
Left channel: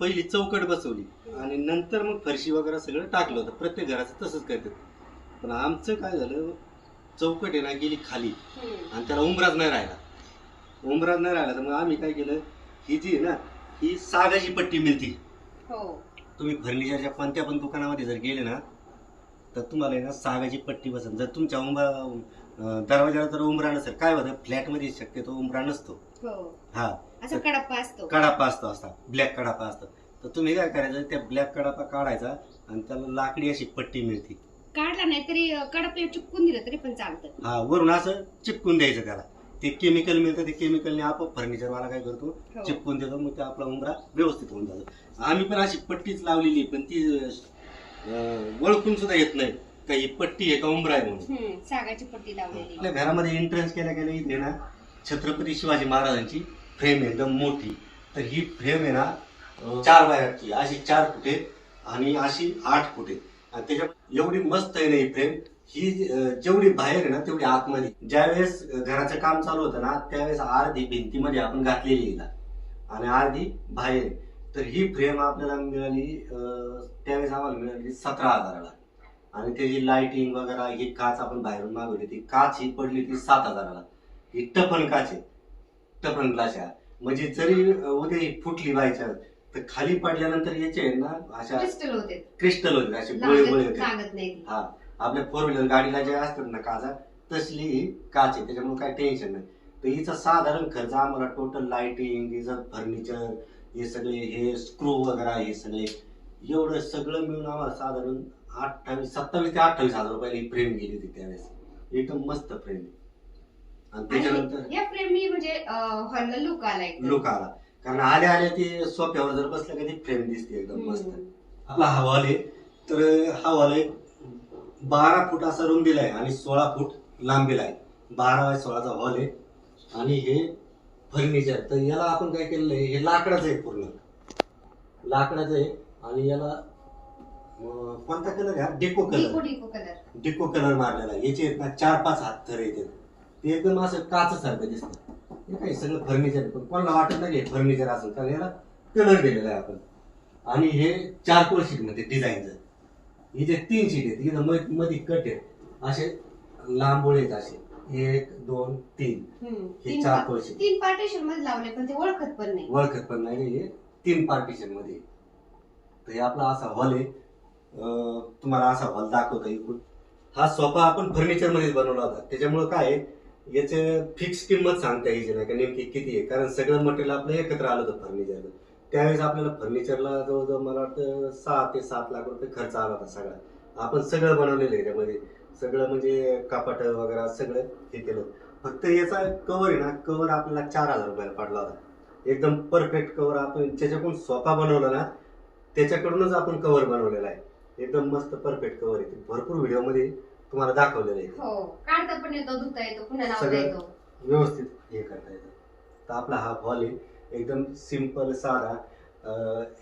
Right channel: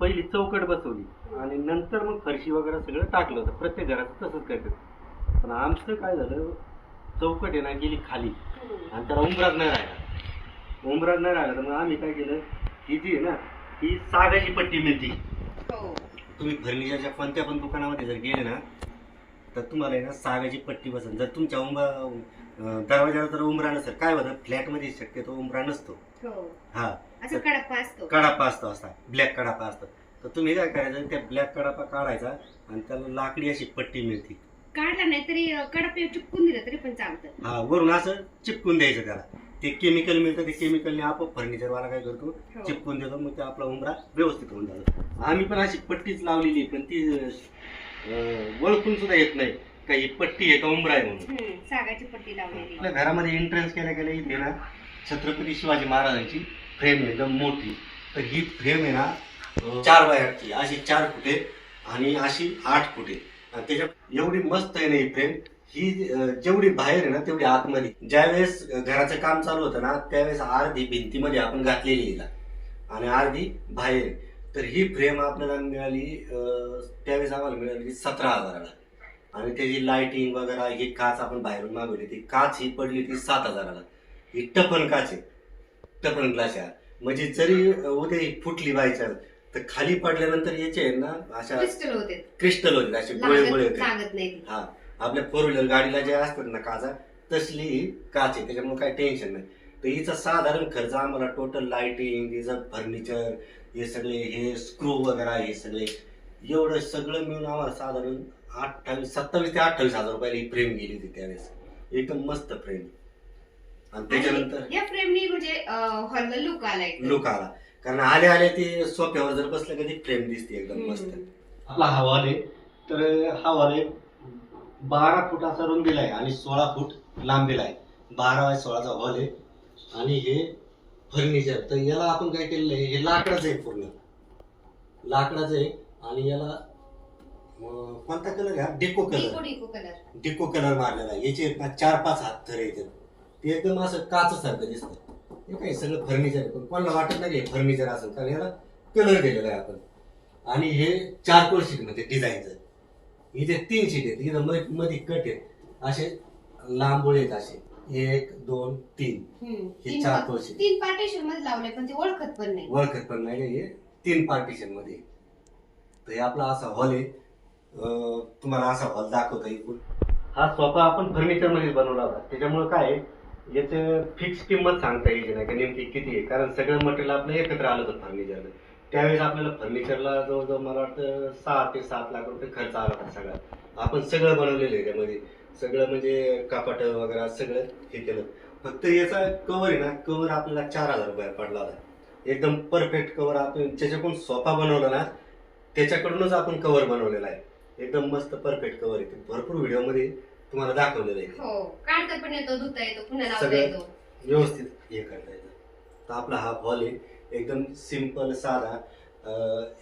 पहिली चौकट बसवली आणि नंतर मग फरशी वगैरे सगळं टाकलं होतं. प्रत्येक घराचं तसंच करतात. पण आमचं काय झालं, चौकट आहे ना गेली खाली आणि त्याला उंबराच नाही राहिला. तर मग आम्ही काय केलं, ही जी आहे ना, ही सागाची पट्टी मिळते. हो. तुम्ही फर्निचरच्या कोणत्या पण दुकानामध्ये जर गेले ना, तर तुम्हाला आहे ना सागाची पट्टी बसन. जर तुमच्या दरवाजाला जर उंबरा नसेल, काय होतं फ्लॅटमध्ये शक्यतो उंबरा नसतो. हो. हा, असं कडप्पा असतो. कडापा असतो, असा ब्लॅक कडापा असतो. तर तुम्ही काय करायचं, त्या ब्लॅक कडापा काढायचा आणि त्याला लाकडी अशी पट्टी मिळते. काढला नाही तरी कडप चिपकून दिलं तरी पण चालतं. हा, वरून असं चिपकून द्यायचं त्याला. ते केमिकल मिळतं, ते केमिकलने आपोआप फर्निचरवाला काय करतो, हो. चिपकून देतो. मग ते आपला उंबरा व्यवस्थित होऊन जातो. आम्ही पण अशी पट्टीच लावलेली, पण ती ओळखून सुद्धा येत नाही का ही पट्टी आहे का उंबरा आहे म्हणून. सागाची पट्टी लावलेली. आपल्या घरामध्ये एंट्रन्स केल्या इथे ना छत्रपती शिवाजी महाराजांची फ्रेम आहे एकदम मोठी. तर ही फ्रेम आहे ना 4 बाय 8ची, अशी 4 फुटे आणि अशी 8 फुटे. आणि त्याच्यात एवढी मस्त आहे ना ही फ्रेम. ही जेवढी बाहेर आहे ना तेवढी आतमध्ये. ज्यावेळेस घराचं काम चालू होतं ना, त्यावेळेस अर्धी भिंतीमध्ये आपण घातलेली आहे आणि अर्धी बाहेर आहे. तर ही फ्रेम आपल्याला मिळाली, त्यावेळेस आम्हाला मिळाली 17,000ला. आणि त्याची लाइटिंग वगैरे, ही काच आपण बाहेरून मागवली, ती काच ही पडली ती 7,000ला. ही टफन काच आहे, टफन ग्लास आहे. म्हणजे जरी उद्या ही फुटली बायचान्स, तर खाली पडल्यानंतर याचे आहे ना अशा क्रिस्टल होते, असे गोळे होते. हा, आपल्या 4 व्हीलर गाडीला जे असतात ना काचा, तसली ही काच आहे. त्याच्यामुळे काही टेन्शन नाही. तर हिचा साधारण खर्च आम्हाला टोटल लाइटिंग, हिचं फर्निचर, हे सगळे हे स्क्रू वगैरे, हे सगळे एवढं सगळं मिळून आम्हाला साधारण 27 ते 28 हजार रुपयाला ही फ्रेम गेली होती त्यावेळेस. एकदम मस्त फ्रेम. आणि त्याच्यानंतर या फ्रेमनी म्हणजे हॉलला लुक आला. कारण आल्या ती सोफ्यावर जर बसलं का ती फ्रेम दिसते एकदम मस्त. आपला हा हॉल आहे, तर हा हॉल आहे 12 फूट असा रुंदीला आहे आणि 16 फूट लांबीला आहे. 12 बाय 16चा हॉल आहे. आणि हे फर्निचर, तर याला आपण काय केलेलं आहे, हे लाकडाचं आहे, पूर्ण लाकडाचं आहे. आणि याला कोणता कलर आहे, डेको कलर मारलेला आहे. याचे आहेत ना 4-5 हात थर येतात. ते एकदम असं काचसारखं दिसतं. हे काही सगळं फर्निचर आहे, पण कोणाला वाटत नाही हे फर्निचर असेल, कारण याला कलर दिलेला आहे आपण. आणि हे 4 शीट मध्ये डिझाईनचं. इथे 3 शीट आहेत, इथं मध्ये कट आहेत, असे लांबोळे आहेत असे 1, 2, 3. हे 4 शीट 3 पार्टिशन मध्ये लावले, पण ते ओळखत पण नाही. हे 3 पार्टिशन मध्ये. तर हे आपला असा हॉल आहे. तुम्हाला असा हॉल दाखवता इकडून. हा सोफा आपण फर्निचर मध्ये बनवला होता. त्याच्यामुळे काय आहे, याचे फिक्स किंमत सांगता यायची नाही का नेमकी किती आहे, कारण सगळं मटेरियल आपलं एकत्र आलं होतं फर्निचरला. त्यावेळेस आपल्याला फर्निचरला जवळजवळ मला वाटतं 6 ते 7 लाख रुपये खर्च आला होता सगळा. आपण सगळं बनवलेलं आहे त्यामध्ये, सगळं म्हणजे कपाट वगैरे सगळं हे केलं. फक्त याचा कवर आहे ना, कवर आपल्याला 4,000 रुपये पडला होता. एकदम परफेक्ट कवर. आपण ज्याच्याकडून सोफा बनवला ना त्याच्याकडूनच आपण कवर बनवलेला आहे. एकदम मस्त परफेक्ट कवर आहे. भरपूर व्हिडिओ मध्ये तुम्हाला दाखवलेलं आहे. हो, काढता पण येतो, धुता येतो, पुन्हा लावता सगळं येतो, व्यवस्थित हे करता येतं. तर आपला हा हॉल आहे एकदम सिंपल साधा.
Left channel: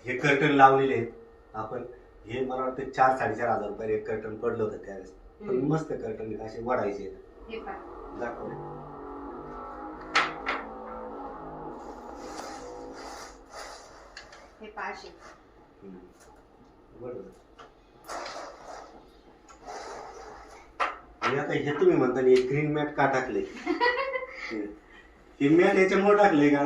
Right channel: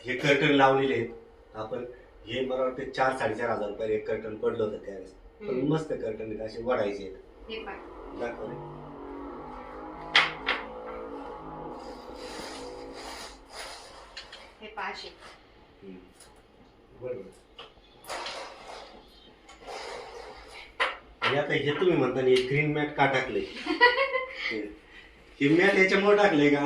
हे कर्टन लावलेले आहेत आपण. हे मला वाटतं 4-4.5 हजार रुपये एक कर्टन पडलं होतं त्यावेळेस. पण मस्त कर्टन आहेत, असे वडायचे आहेत. हे पाय दाखवले. हे पाशे बरोबर. आणि आता हे तुम्ही म्हणता हे ग्रीन मॅट का टाकले, हे मॅट याच्यामुळे टाकले का,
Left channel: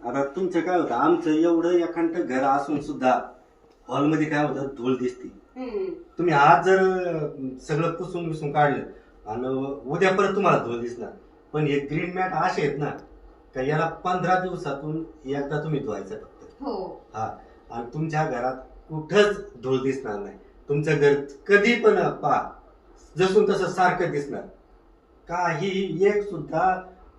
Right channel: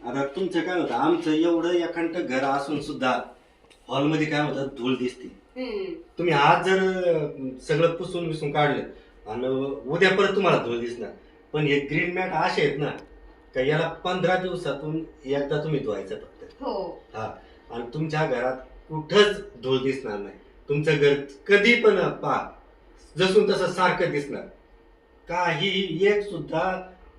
आता तुमचं काय होतं, आमचं एवढं एखादं घर असून सुद्धा हॉलमध्ये काय होतं, धूळ दिसते. तुम्ही आज जर सगळं पुसून विसून काढलं आणि उद्या परत तुम्हाला धूळ दिसणार. पण हे ग्रीन मॅट असे आहेत ना का याला 15 दिवसातून एकदा तुम्ही धुवायचं फक्त. हो. हा. आणि तुमच्या घरात कुठंच धूळ दिसणार नाही. तुमचं घर कधी पण पहा जसून तसं सारखं दिसणार. काही एक सुद्धा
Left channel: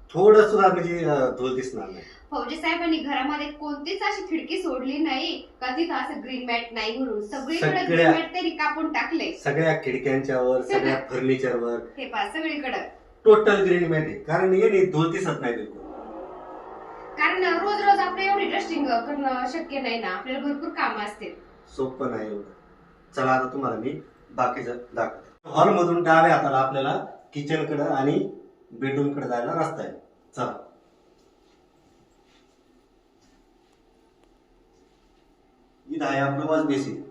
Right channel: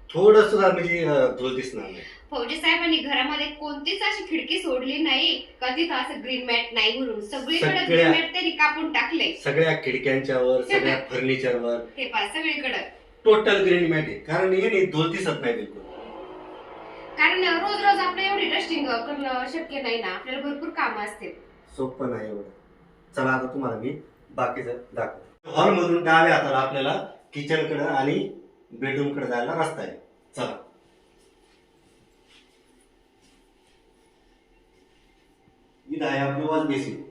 थोडं सुद्धा म्हणजे धूळ दिसणार नाही. फौजी साहेबांनी घरामध्ये कोणतीच अशी खिडकी सोडली नाही का तिथं असं ग्रीन मॅट नाही म्हणून सगळीकडे सगळ्या- ग्रीन मॅट त्यांनी कापून टाकले. सगळ्या खिडक्यांच्या वर सगळ्या फर्निचरवर हे पहा सगळीकडे टोटल ग्रीन मॅट आहे. कारण हे धूळ दिसत नाही बिलकुल. कारण रोज रोज आपलं एवढी डस्टिंग करणं शक्य नाही ना, आपल्याला भरपूर कामं असतील. सोपं नाही एवढं. चला आता तुम्हाला मी बाकीचं दाखवतो. हॉल मधून डाव्या हाताला आपल्याला किचन कडे आणि बेडरूम कडे जायला रस्ता आहे. चला. इथं आहे आपलं वॉश बेसिन.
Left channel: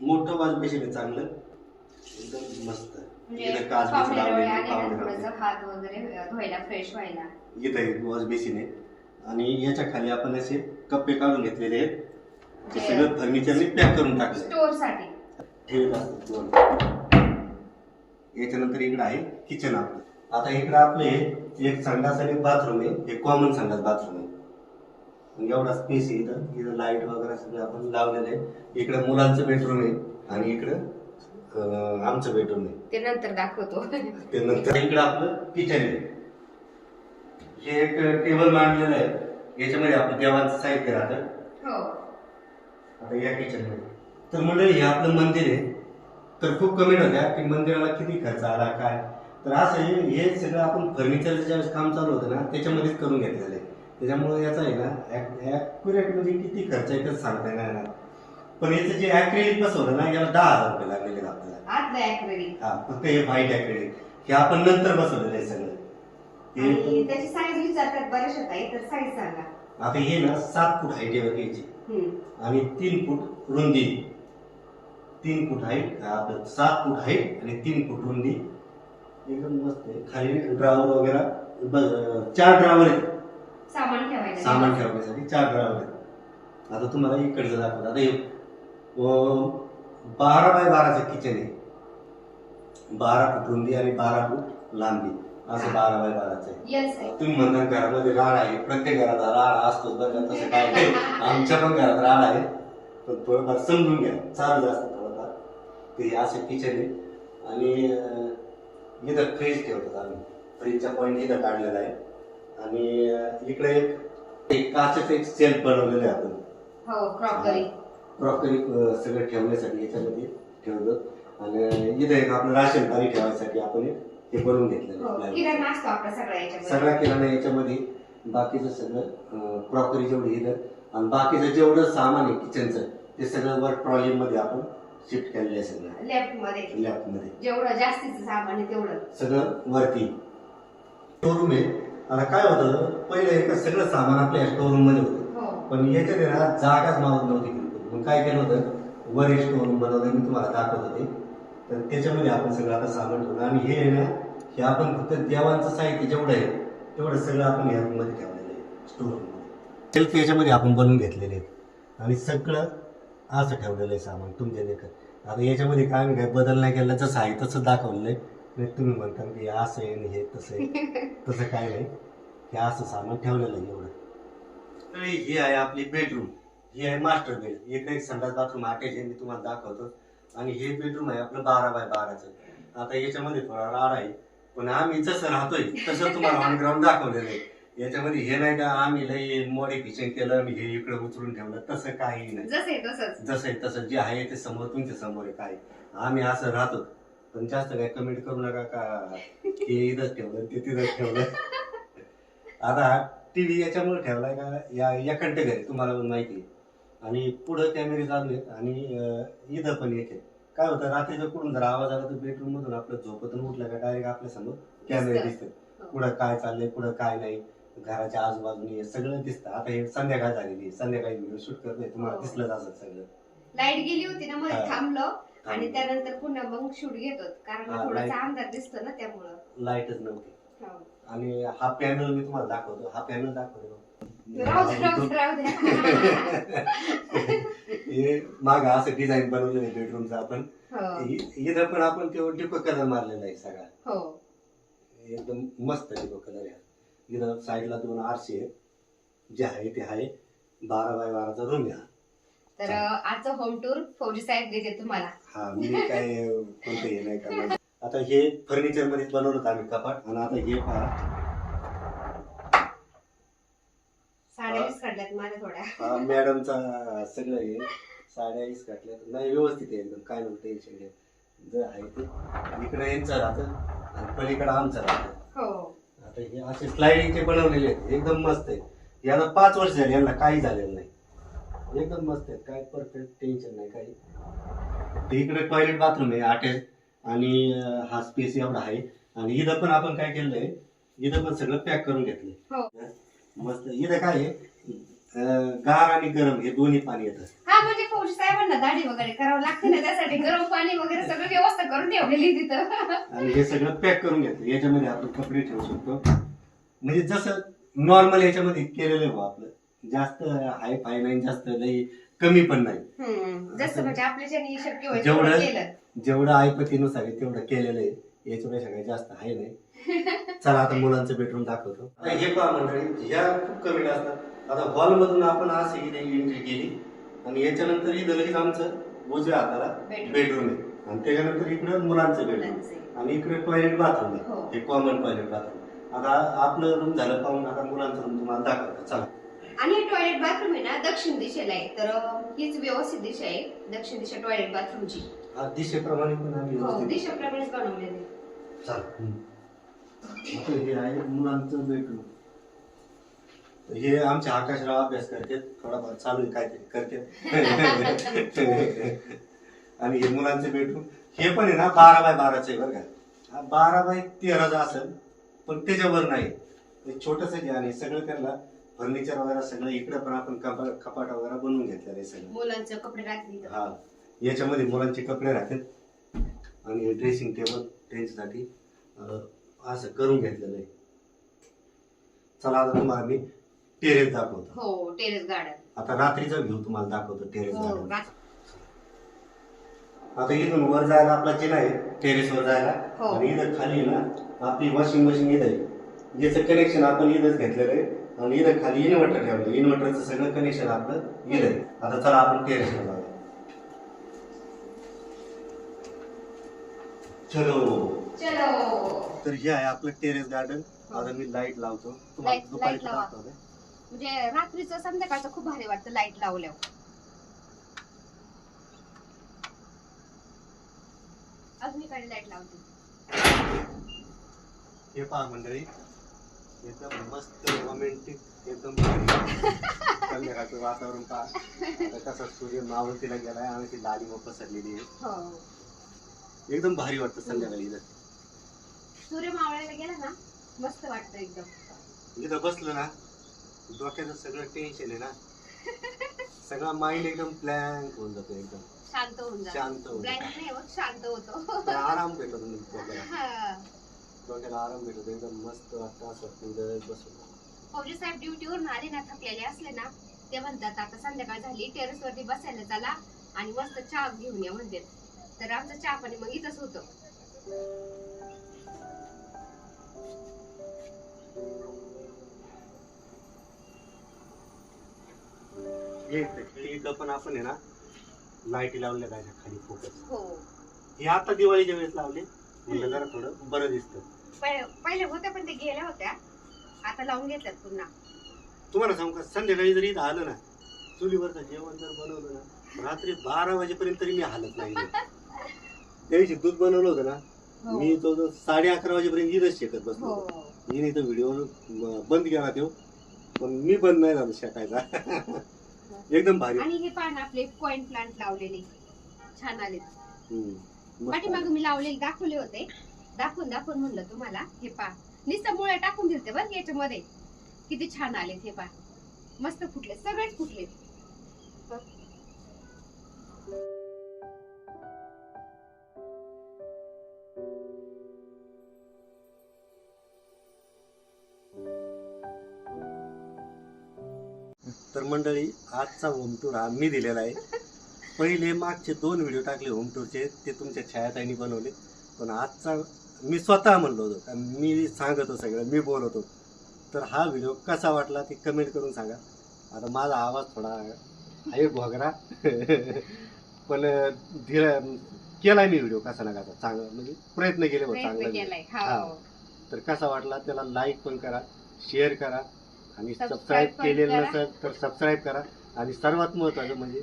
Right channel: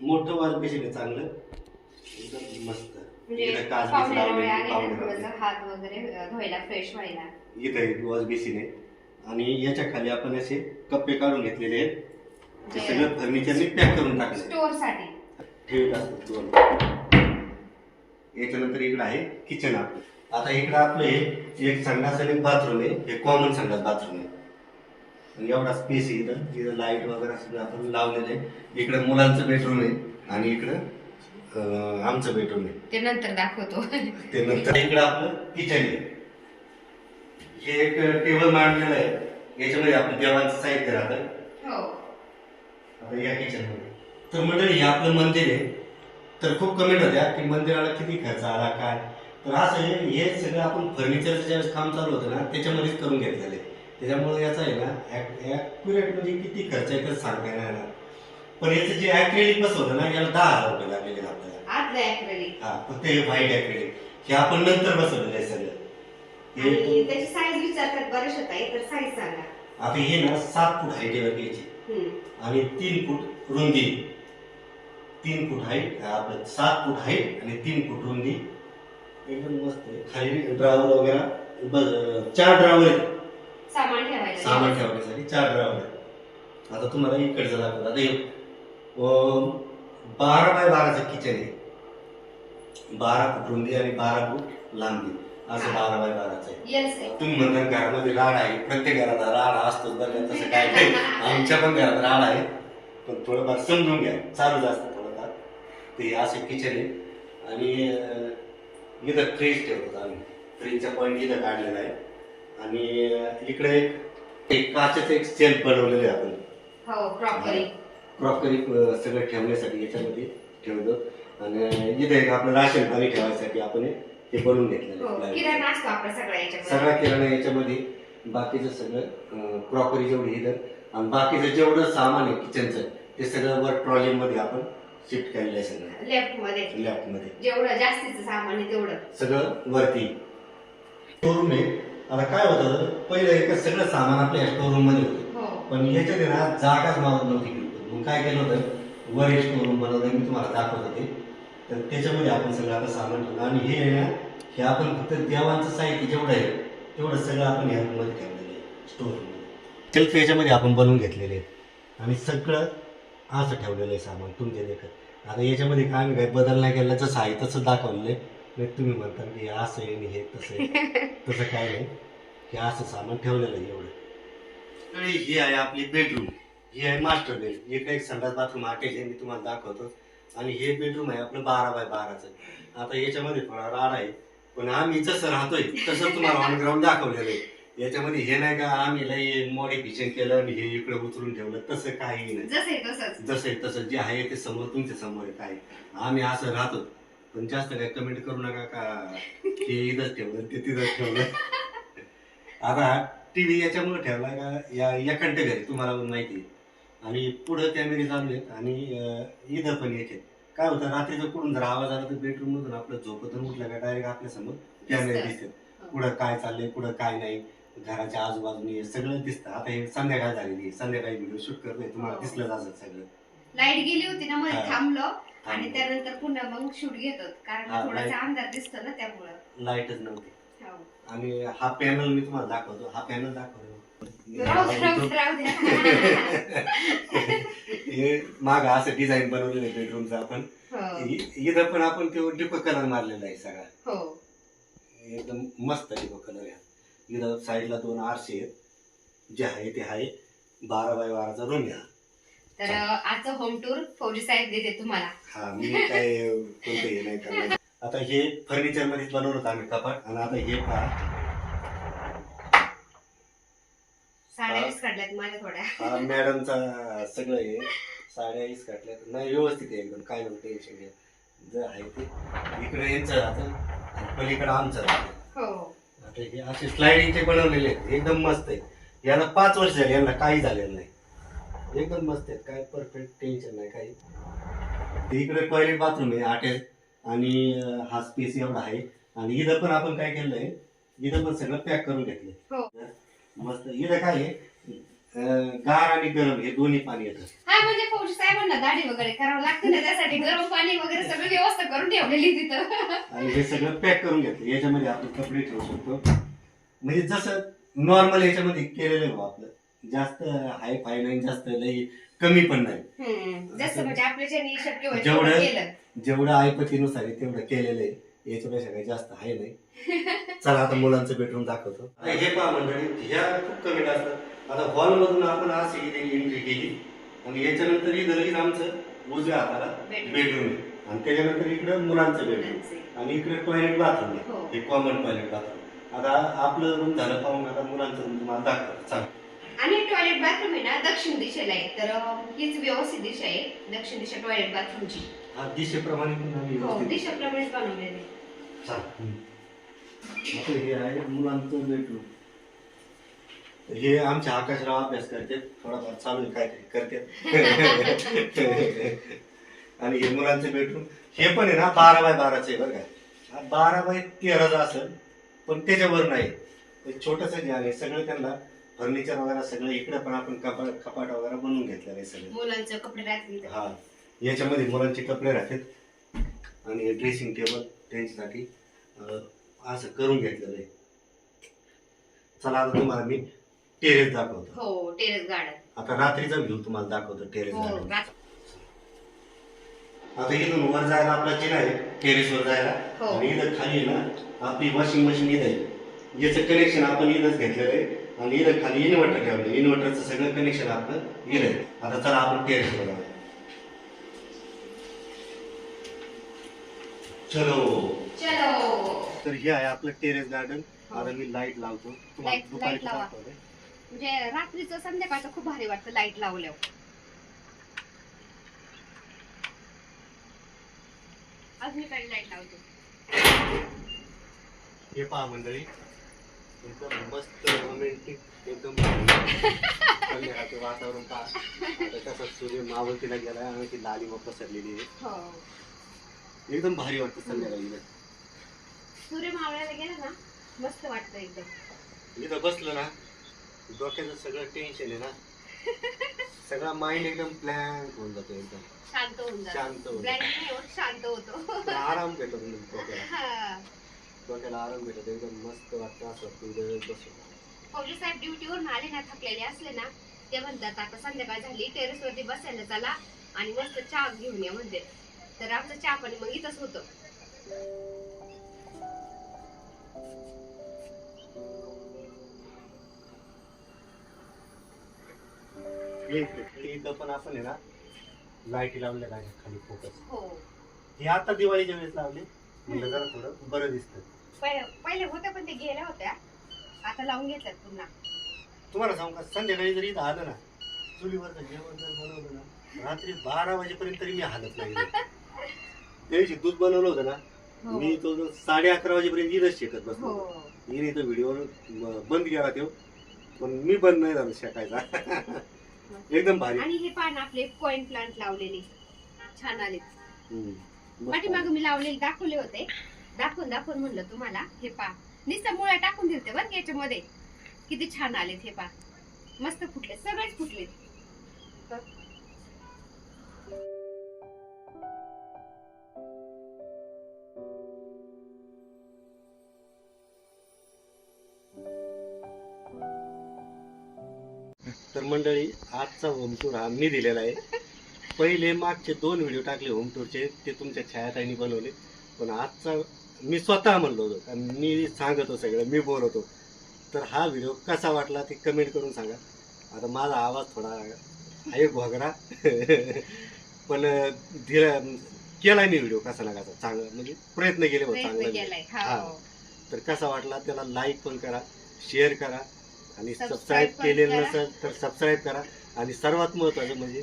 मोठं वॉश बेसिन आहे चांगलं एकदम मस्त. म्हणजे इथं काच बीच पाहुण्याला लावलेली, वेळ आली ना, पाहुणे थोडंसं रावले. हात वगैरे धुवायला फ्रेश व्हायला. इथं एक वॉश बेसिन आहे आणि याच्या खाली आपण असे कप्पे काढून घेतलेले आहेत. ते सगळं फर्निचरने पॅक करून टाकले स्टोर साठी ठेवत असतात दोन. याच्यानंतर इकडे आहे किचन आपलं. आता इकडे आपले एक संडास आणि बाथरूम आहे. हे कॉमन संडास बाथरूम आहे आणि एवढा स्पेस आहे. इथं लाईट वगैरे सगळं आपण लावलेलं आहे. इकडे मुलांचं बेडरूम आहे आणि इकडं आमचं बेडरूम आहे. ते नंतर दाखवतो. ते नंतर इकडे आपलं किचन आहे. हे एक टेबल मांडलेलं आहे. याच्यामध्ये आपलं देवांचं साहित्य राहतं. हो. आता या किचन मध्ये तर मंडळी हे आपलं मंदिर आहे. तर खूप कमेंट होत्या की मंदिराला किती खर्च आला काय. तर असं हे सगळं आपण फर्निचरचं ज्यावेळेस काम चालू होतं ना त्याच्यामध्येच करून घेतलेलं आहे. त्याच्यामुळे याचा आहे ना ॲक्युरेट म्हणजे किती खर्च आहे तर सांगता येणार. पण याचं जे ॲक्रेलिक बसवलं ना याला 10,000 रुपये लागलेले आहेत आपल्याला. आज नाही ऍक्रेलिक. हा फक्त हे व्हाईट ॲक्रेलिक हे आपण नंतर बसवलेलं आहे सगळं. आणि त्याची साईज विचारतात बरेच होता. तर साईज सांगा. आता हे ना 7 फूट हाईटवर घ्यायची आणि 3 फूट रुंदी. 3 फूट हाईट आपलं 7 फूट हाईट आणि 3 फूट रुंदी एकदम मस्त आहे. खाली ड्रावर वगैरे 4 ड्रावर आहेत सामान ठेवायला. सामान ठेवण्यासाठी 4 ड्रावर आहेत. आता तुम्हाला इकडचं दाखवतो. आता हे 12 बाय 12चं किचन आहे. 12 फूट रुंदी आणि 12 फूट लांबी असं 12 बाय 12चं आहे. येस आहे. तुम्ही म्हणता घरामध्ये राड आहे. प्रत्येक घरात राड असतोच बघा. तसं काय नाही. आमच्या पण घरात राड आहे पण थोडंफार समजून घ्या. चालूच असतं थोडंफार. ते असे किचन आहे आणि इथं फ्रीज ठेवतो आम्ही. फ्रीजचा पॉईंट इथं काढलेला आहे आणि इकडे एक काचेचं एक सेल्फ बनवलेलं आहे आपण. हो क्रॉकरी. क्रॉकरी सगळं ठेवण्यासाठी याच्यामध्ये ठेवतो आणि इथं एक आपलं राशन पाणी ठेवायसाठी आपण हे बनवून घेतलेलं हो आहे. किराणा असतो आपला सगळा याच्यामध्ये. सगळा किराणा याच्यामध्ये. बाकीचं सगळं क्रॉकरी जेवढी इथं आणि बाकीचं जेवढं सामान आहे किचनचं ते सगळं वर ट्रॉली मध्ये आपण शिफ्ट केलेलं आहे. सगळं लेफ्ट मध्ये. लेफ्ट मध्ये जेवढं जास्तीचं सामान आहे तेवढं सगळं वरती. स्टोरूम आहे. आता काय होतं पहिले सगळं सामान आपल्या स्टोरूम मध्ये होतं. हो. पण याच्यात आहे ना जागाच मावत नव्हती बिलकुल. मग काय केलं होतं वर एक स्टोरूम बनवलं. मी तुम्हाला दाखवत होते. तर त्याच्यामध्ये आपण सगळं आता सामान ठेवलं आणि हे आहे ना हे आपण फक्त देवांचं साहित्य जेवढं आहे तेवढं सगळं आपण ह्यामध्ये ठेवलेलं आहे स्टोअरमध्ये. सेल्फ याच्यामध्ये आपण बनवून घेतलेले आहेत आणि सगळं असं ठेवलेलं आहे सामान तुमच्या देखत. आता याच्यामध्ये काय आम्ही काय बदल नाही केला. जसं आहे तसं दाखवलेलं आहे. नाही तुम्ही म्हणता की असं आहे आणि हे तसं आहे. तसं काय नाही. हे असं सामान ठेवलेलं आहे एवढं. आणि ही आहे आपली बेडरूम. ही आहे मास्टर बेड. इकडे एक संडास बाथरूम अटॅच आहे. मी तुम्हाला दाखवतो. आणि हे बेडरूम आहे आपलं 12 बाय 12चं. आता याच्यामध्ये थोडा राड आहे पण आम्ही जसं राहतोय तसं तुम्हाला ऑन ग्राउंड दाखवलेलं आहे. याच्यामध्ये हे नाही का आम्ही लई मॉडिफिकेशन केलं आणि हे इकडे उचलून ठेवलं तसं काही नाही. जसं आहे तसं जे आहे ते समोर तुमच्या समोर आहे. काय आम्ही असं राहतो पण जास्त काय कमेंट करू नका का हे इथंच ठेवलं ते तिथंच ठेवलं. आता टीव्ही याच्यामुळे ठेवलाय का या एकांत घरी तुम्हाला पण माहिती आहे आणि पुढं कॅमेरे चालू आहेत आणि इथं पण एक आहे. काय होतं रात्रीचं कुठून जर आवाज आला तर बेडरूम मधून आपलं झोपतून उठलं का डायरेक्ट आपल्या समोर कॅमेरे दिसतात. पुढं काय चाललंय पुढं काय नाही घराच्या आजूबाजूने सगळं दिसतं. आता हे संध्याकाळ झालेली संध्याकाळी व्हिडिओ शूट करतोय तुम्हाला दिसलंच असं सगळं. लाईट गेली होती ना मध्ये थांबलो आणि त्यानंतर पुन्हा मग शूट घेतो कारण थोडासा अंधार दिसतो ना त्यामुळं लाईटच नव्हती. आणि हा पॅनल मी तुम्हाला दाखवतो. हा पॅनल दाखवतो हे माग असं डिझाईन बनवलेलं आहे बेडरूमचं आपण. इथं पण आपण ते डिको कलर मारलेला आहे सगळा. एकदम मस्त डिको कलर आहे. इथं साईडला 2 आरसे आहेत जे आहे ते आहे 12 बाय 12चा रूम आहे. तर आजचं होम टूर फौजी साहेब देते तुम्हाला. हा, मी काय कोणतं हे नाही करणार. आता हे फर्निचर मध्ये बनवलं आम्ही कपाट, आणि आता हे पहा, साड्या काढल्यात माझ्या थोड्या. हा मॅडमचा सगळं हे साड्या काढल्यात. नाही, व्यवस्थित आहे एकदम, काय नाही टेन्शन घ्या. जर आहे ते इकडे यांचं राहतं आणि पलीकडे आमचं राहतं. हो, आता हे असे स्लायडिंगचे बनवलेले आहेत, एकदम मस्त आहे. याला 5 वर्ष झाली, यांना काही झालेलं नाही, एकदम मस्त आहेत, काय परफेक्ट, टेन्शन नाही काही. ते इकडे टॉयलेट बाथरूम आहे अटॅच, आणि हा स्पेस एवढा आहे. आणि इथं पण आपण काय केलंय, इथं पण सगळं पॅक करून घेतलंय. हो. मस्त. इथं काय आहे, गार आणि गरम हे दोन्ही पाणी येतं. हा, म्हणजे फौजी साहेबांना दाढी वगैरे करावं लागते ना, त्यासाठी गरम पाणी वगैरे सगळं व्यवस्था करून ठेवलेली तिथं. आणि हे सगळं पॅक करून घेतलं. याच्यामध्ये आपण कपडे ठेवू शकतो, म्हणजे जसं नॉर्मल याच्यामध्ये केलेलं आहे आपलं. जास्त हाय फाय नाही, जास्त लई कमी पण नाही. जसं म्हणजे आपल्याच्याने शक्य होईल जेवढं- तेवढं केलं. जेवढं ऐपतीनुसार आहे तेवढं केलेलं आहे, याच्यापेक्षा काही जास्त आहे नाही. चला आता मुलांचं बेडरूम दाखवतो. आता हे पहा मंडळी, ह्या खूप कमी असतात. आता हॉल मधून आपण अशी इथे एंट्री केली, आणि याच्यानंतर इथं लगेच आमचं उजव्या हाताला बेडरूम आहे, आणि त्याच्यानंतर इकडं मुलांचं बेडरूम, आणि इकडे टॉयलेट बाथरूम आहे. हो. हे कॉमन टॉयलेट बाथरूम. आता आपलं रूम झालं पाहून, आता मुलांचं रूम तुम्हाला दाखवतो. चला. आणि टॉयलेट बाथरूम आहे ना दक्षिण दिशेला आहे, तर हीच व्यवस्थित दिशा आहे दक्षिण दिशा टॉयलेट बाथरूमची. हा दिशेप्रमाणे पण आम्ही हो, व्यवस्थित- दिशेप्रमाणेच बनवलेले. चला. आता हे आहे मुलांचं बेडरूम. हे आमचे आकाशराव अभ्यास करतात, थोडाफार चालू आहे, काहीतरी करतात. आणि हे मुलांचं बेडरूम, हे पण आहे ना 12 बाय 12च आहे बरं का. 12 बाय 13चं असेल, पण त्याच्यावर नाही, छोटस जे आहे. सगळं त्यांना फर्निचर वगैरे सगळं इकडे पण आपण कपाट वगैरे बनवून घेतलेलं आहे सगळं. मुलांचे कपडे राहतील. हा, याच्यामध्ये मुलांचे कपडे राहतात, आणि ड्रेसिंग टेबल त्यांच्यासाठी असं करून घेतलेलं आहे. चला आता तुम्हाला मी टेरेस दाखवतो. हो, टेरेस गार्डन. आता रात्रीचा व्ह्यू तुम्हाला दाखवतो टेरेस हो, गार्डन. आता इथून वर जायला आपला जिना आहे टेरेसवर जायला, हो. आणि इथं खाली आहे ना आपली वॉशिंग मशीन इथं आहे. याचं कनेक्शन आपण इथंच घेतलेलं आहे, आणि इथं खाली इन्व्हर्टर ठेवलं. इन्व्हर्टरचं सगळं कनेक्शन आपलं इथं आहे. आता चला आपण टेरेसवर जाऊया. चलो. तर हे आहे आपलं टेरेस गार्डन. आता मी लाईट लावतो तुम्हाला, लाईट दुपारी लावा. दाखवते. म्हणजे रात्रीचं संध्याकाळचं खूप भारी वाटतं लाईट लावल्यावर. अजून काही लाईट लावते. हे पहा मंडळी, एकदम मस्त रोमॅन्टिक, एकदम संध्याकाळचं वातावरण पहा. आता कसं सूर्य मावळतीला गेलाय, आणि ती लाली व पसरलेली आहे. हो, एकदम भारी वाटतं संध्याकाळी. सूर्य मावळायला गेला ना मस्त वाटतं एकदम. इथं बसलं ना, डोक्याचं सगळं टेन्शन आहे ना, सगळा माइंड एकदम ब्लँक होऊन जातो, एकदम शांत होऊन जातो. शांत होऊन ब्लँक नाही होत, शांत होतो. आराम भेटतो डोक्याला. हा. डोक्याला आराम भेटतो, एकदम मस्त वाटतं. असं वाटतं इथं बसून. फौजी साहेब ड्युटीवरून आले ना, थकलेले असले ना, ते म्हणतात आता संध्याकाळ झाली, टेरेस वरती बसायला चला आणि मस्त चहा घेऊन या म्हणते. तर आमचं चहा पाणी मग इथंच होतं. इथं पण आपण आहे ना लाईटी लावल्या पाहिजे खाली फोकस. हो, हे आता दिवाळीच्या वेळेस लावले, म्हणजे जरा थोडं बरं दिसतं. पहिले होत्या पण ते गेल्या होत्या, आता लावून घेतल्यात पुन्हा. तुम्हाला सांगू का, संध्याकाळी जरी इथं आलं ना, चुलीवरचं जेवण जर बनवलं ना, रात्री 12 वाजेपर्यंत तरी मी हालत नाही. त्या दिवशी दूध बनवलं होतं ना, हो. मी तो 11:30 वाजेपर्यंत इथंच शेकत बसलो. हो. मी तो व्हिडिओ बंद केला तो, पण मी बंद नाही झालो शेकायचा. एकदम भारी. आणि हे पान आपले कॉइन प्लांट लावलेले छान आले. मस्त पाठीमागे मी लावलेले दाखवले होते, दाखवून म्हणलं तुम्हाला. हे पा नुसतं मुळ्या टाकून दिलते बरं याच्यामध्ये, किती छान आलेत. हे पा मस्त फुटले, सगळेच फुटलेत. तर मंडळी, आजचा होम टूर हा मी दिलेला आहे. पहिले मागचे 2 व्हिडिओ टाकले होम टूरचे, ते तुमच्या छायाताईंनी बनवले. पण आजचा मी स्वतः म्हणलो होतो, कारण मी सांगतो सगळं, मी बोलवतो. तर हा व्हिडिओ कसा वाटला ते कमेंट करून सांगा. आता माझा आवाज थोडा आहे घोगरा पण केलाय मी व्हिडिओ कसा ना कसा चांगला म्हणजे प्रयत्न केले होते प्रयत्न चांगला केलाय. हा. हो. तर कसा वाटला त्याला लाईक पण करा, शेअर करा आणि Subscribe सबस्क्राईब पण केलेलं करा. नसेल तर सबस्क्राईब करा आणि सर्वात महत्त्वाचं म्हणजे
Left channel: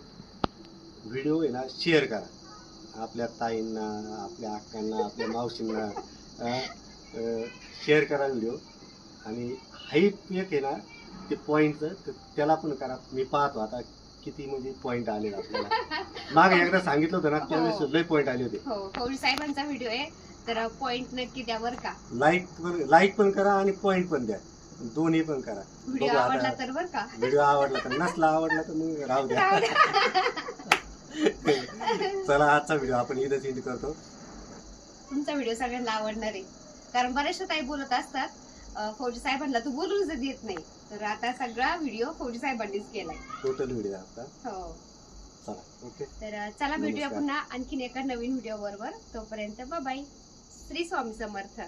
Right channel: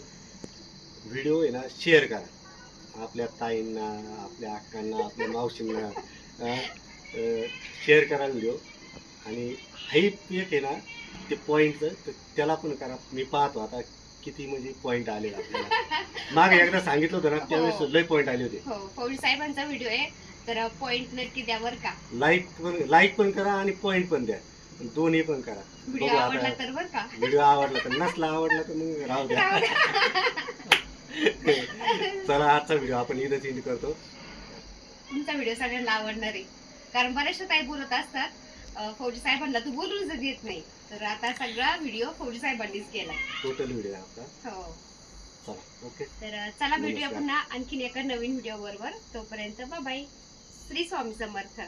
व्हिडिओ आहे ना शेअर करा आपल्या ताईंना, आपल्या अक्कांना, आपल्या मावशींना शेअर करा व्हिडिओ. आणि हाईप एक आहे ना ते पॉईंटचं तर त्याला पण करा. मी पाहतो आता किती म्हणजे पॉईंट आले आपल्याला. मागे एकदा सांगितलं होतं ना त्यावेळेस हो. लय पॉईंट आले होते. हो, फौजी साहेबांचा व्हिडिओ आहे, तर पॉइंट नक्की द्या बरं का. लाईक पण करा आणि पॉईंट पण द्या, दोन्ही पण करा. व्हिडिओ बघू आवडला आता तर बरं का. व्हिडिओ आवडला तर, नसला आवडला तर मग राहू द्या. राहू द्या. चला आजचा व्हिडिओ आपण इथंच एंड करतो. तुमचा व्हिडिओ सगळ्यांना आवडणार आहे, कारण बऱ्याचशा ताई बोलत असतात फौजी साहेबांना तू बोलूनच देत नाही, तर आता सगळा व्हिडिओ फौजी साहेबांनीच केलाय. टोटल व्हिडिओ आपला. हो. चला ओके. तर चला भेटूया नमस्कार. पुन्हा आणखीन एका नवीन व्हिडिओ बरोबर. तोपर्यंत बाय. श्री स्वामी समर्थ.